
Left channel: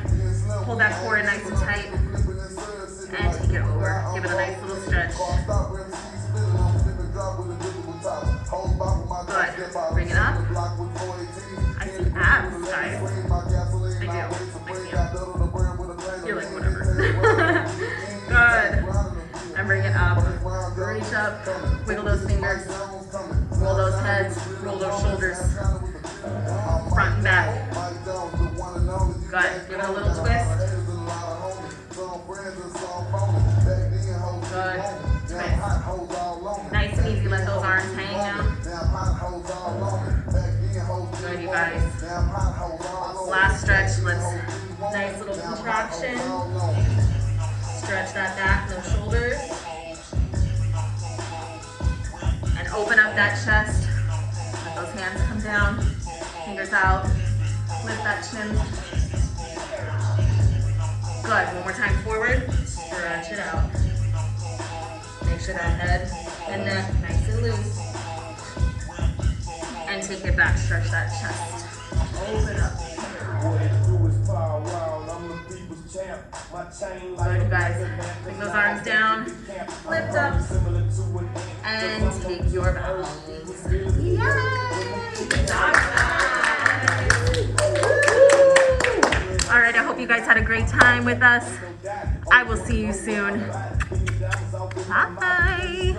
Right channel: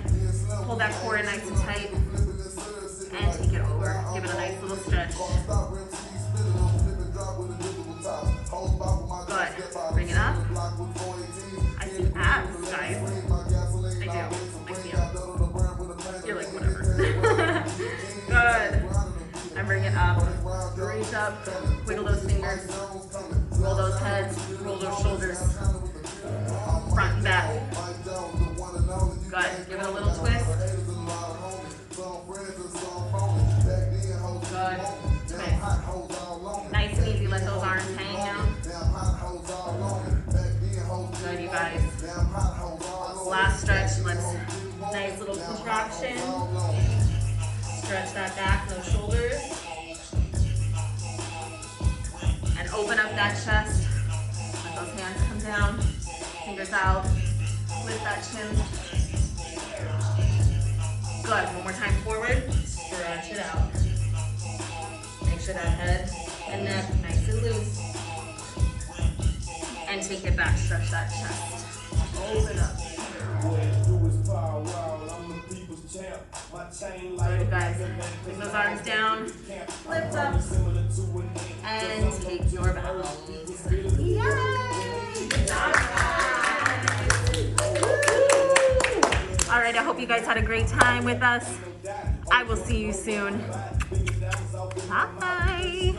Hold that core in nice and tight. And take it over. Give it a nice little stretch. Good. Bring it up. I see abs, guys. I do. I see them. You're like, whatever. Good. And bring it up. Reach up. Wiggle those fingers. Roll those heads. Roll those shoulders. Front and back. Good. Give it a little twist. Good. Twist. Nice and easy. Let those arms hang now. Good, you guys. Last stretch. Nice little contraction. Stretch that back and those shoulders. And open up that chest. Let those hands come down. Fingers out. Lift that chin. Good. One more time forward. Stretch it out. Make sure that head and neck nice and loose. And take it back. Stretch that chest. Open up. Good, you guys. Bring those arms down. Lift up. And take your bows. Yay! Good job, guys. All right, I hope you guys had a great time with us. I will see you soon. Bye.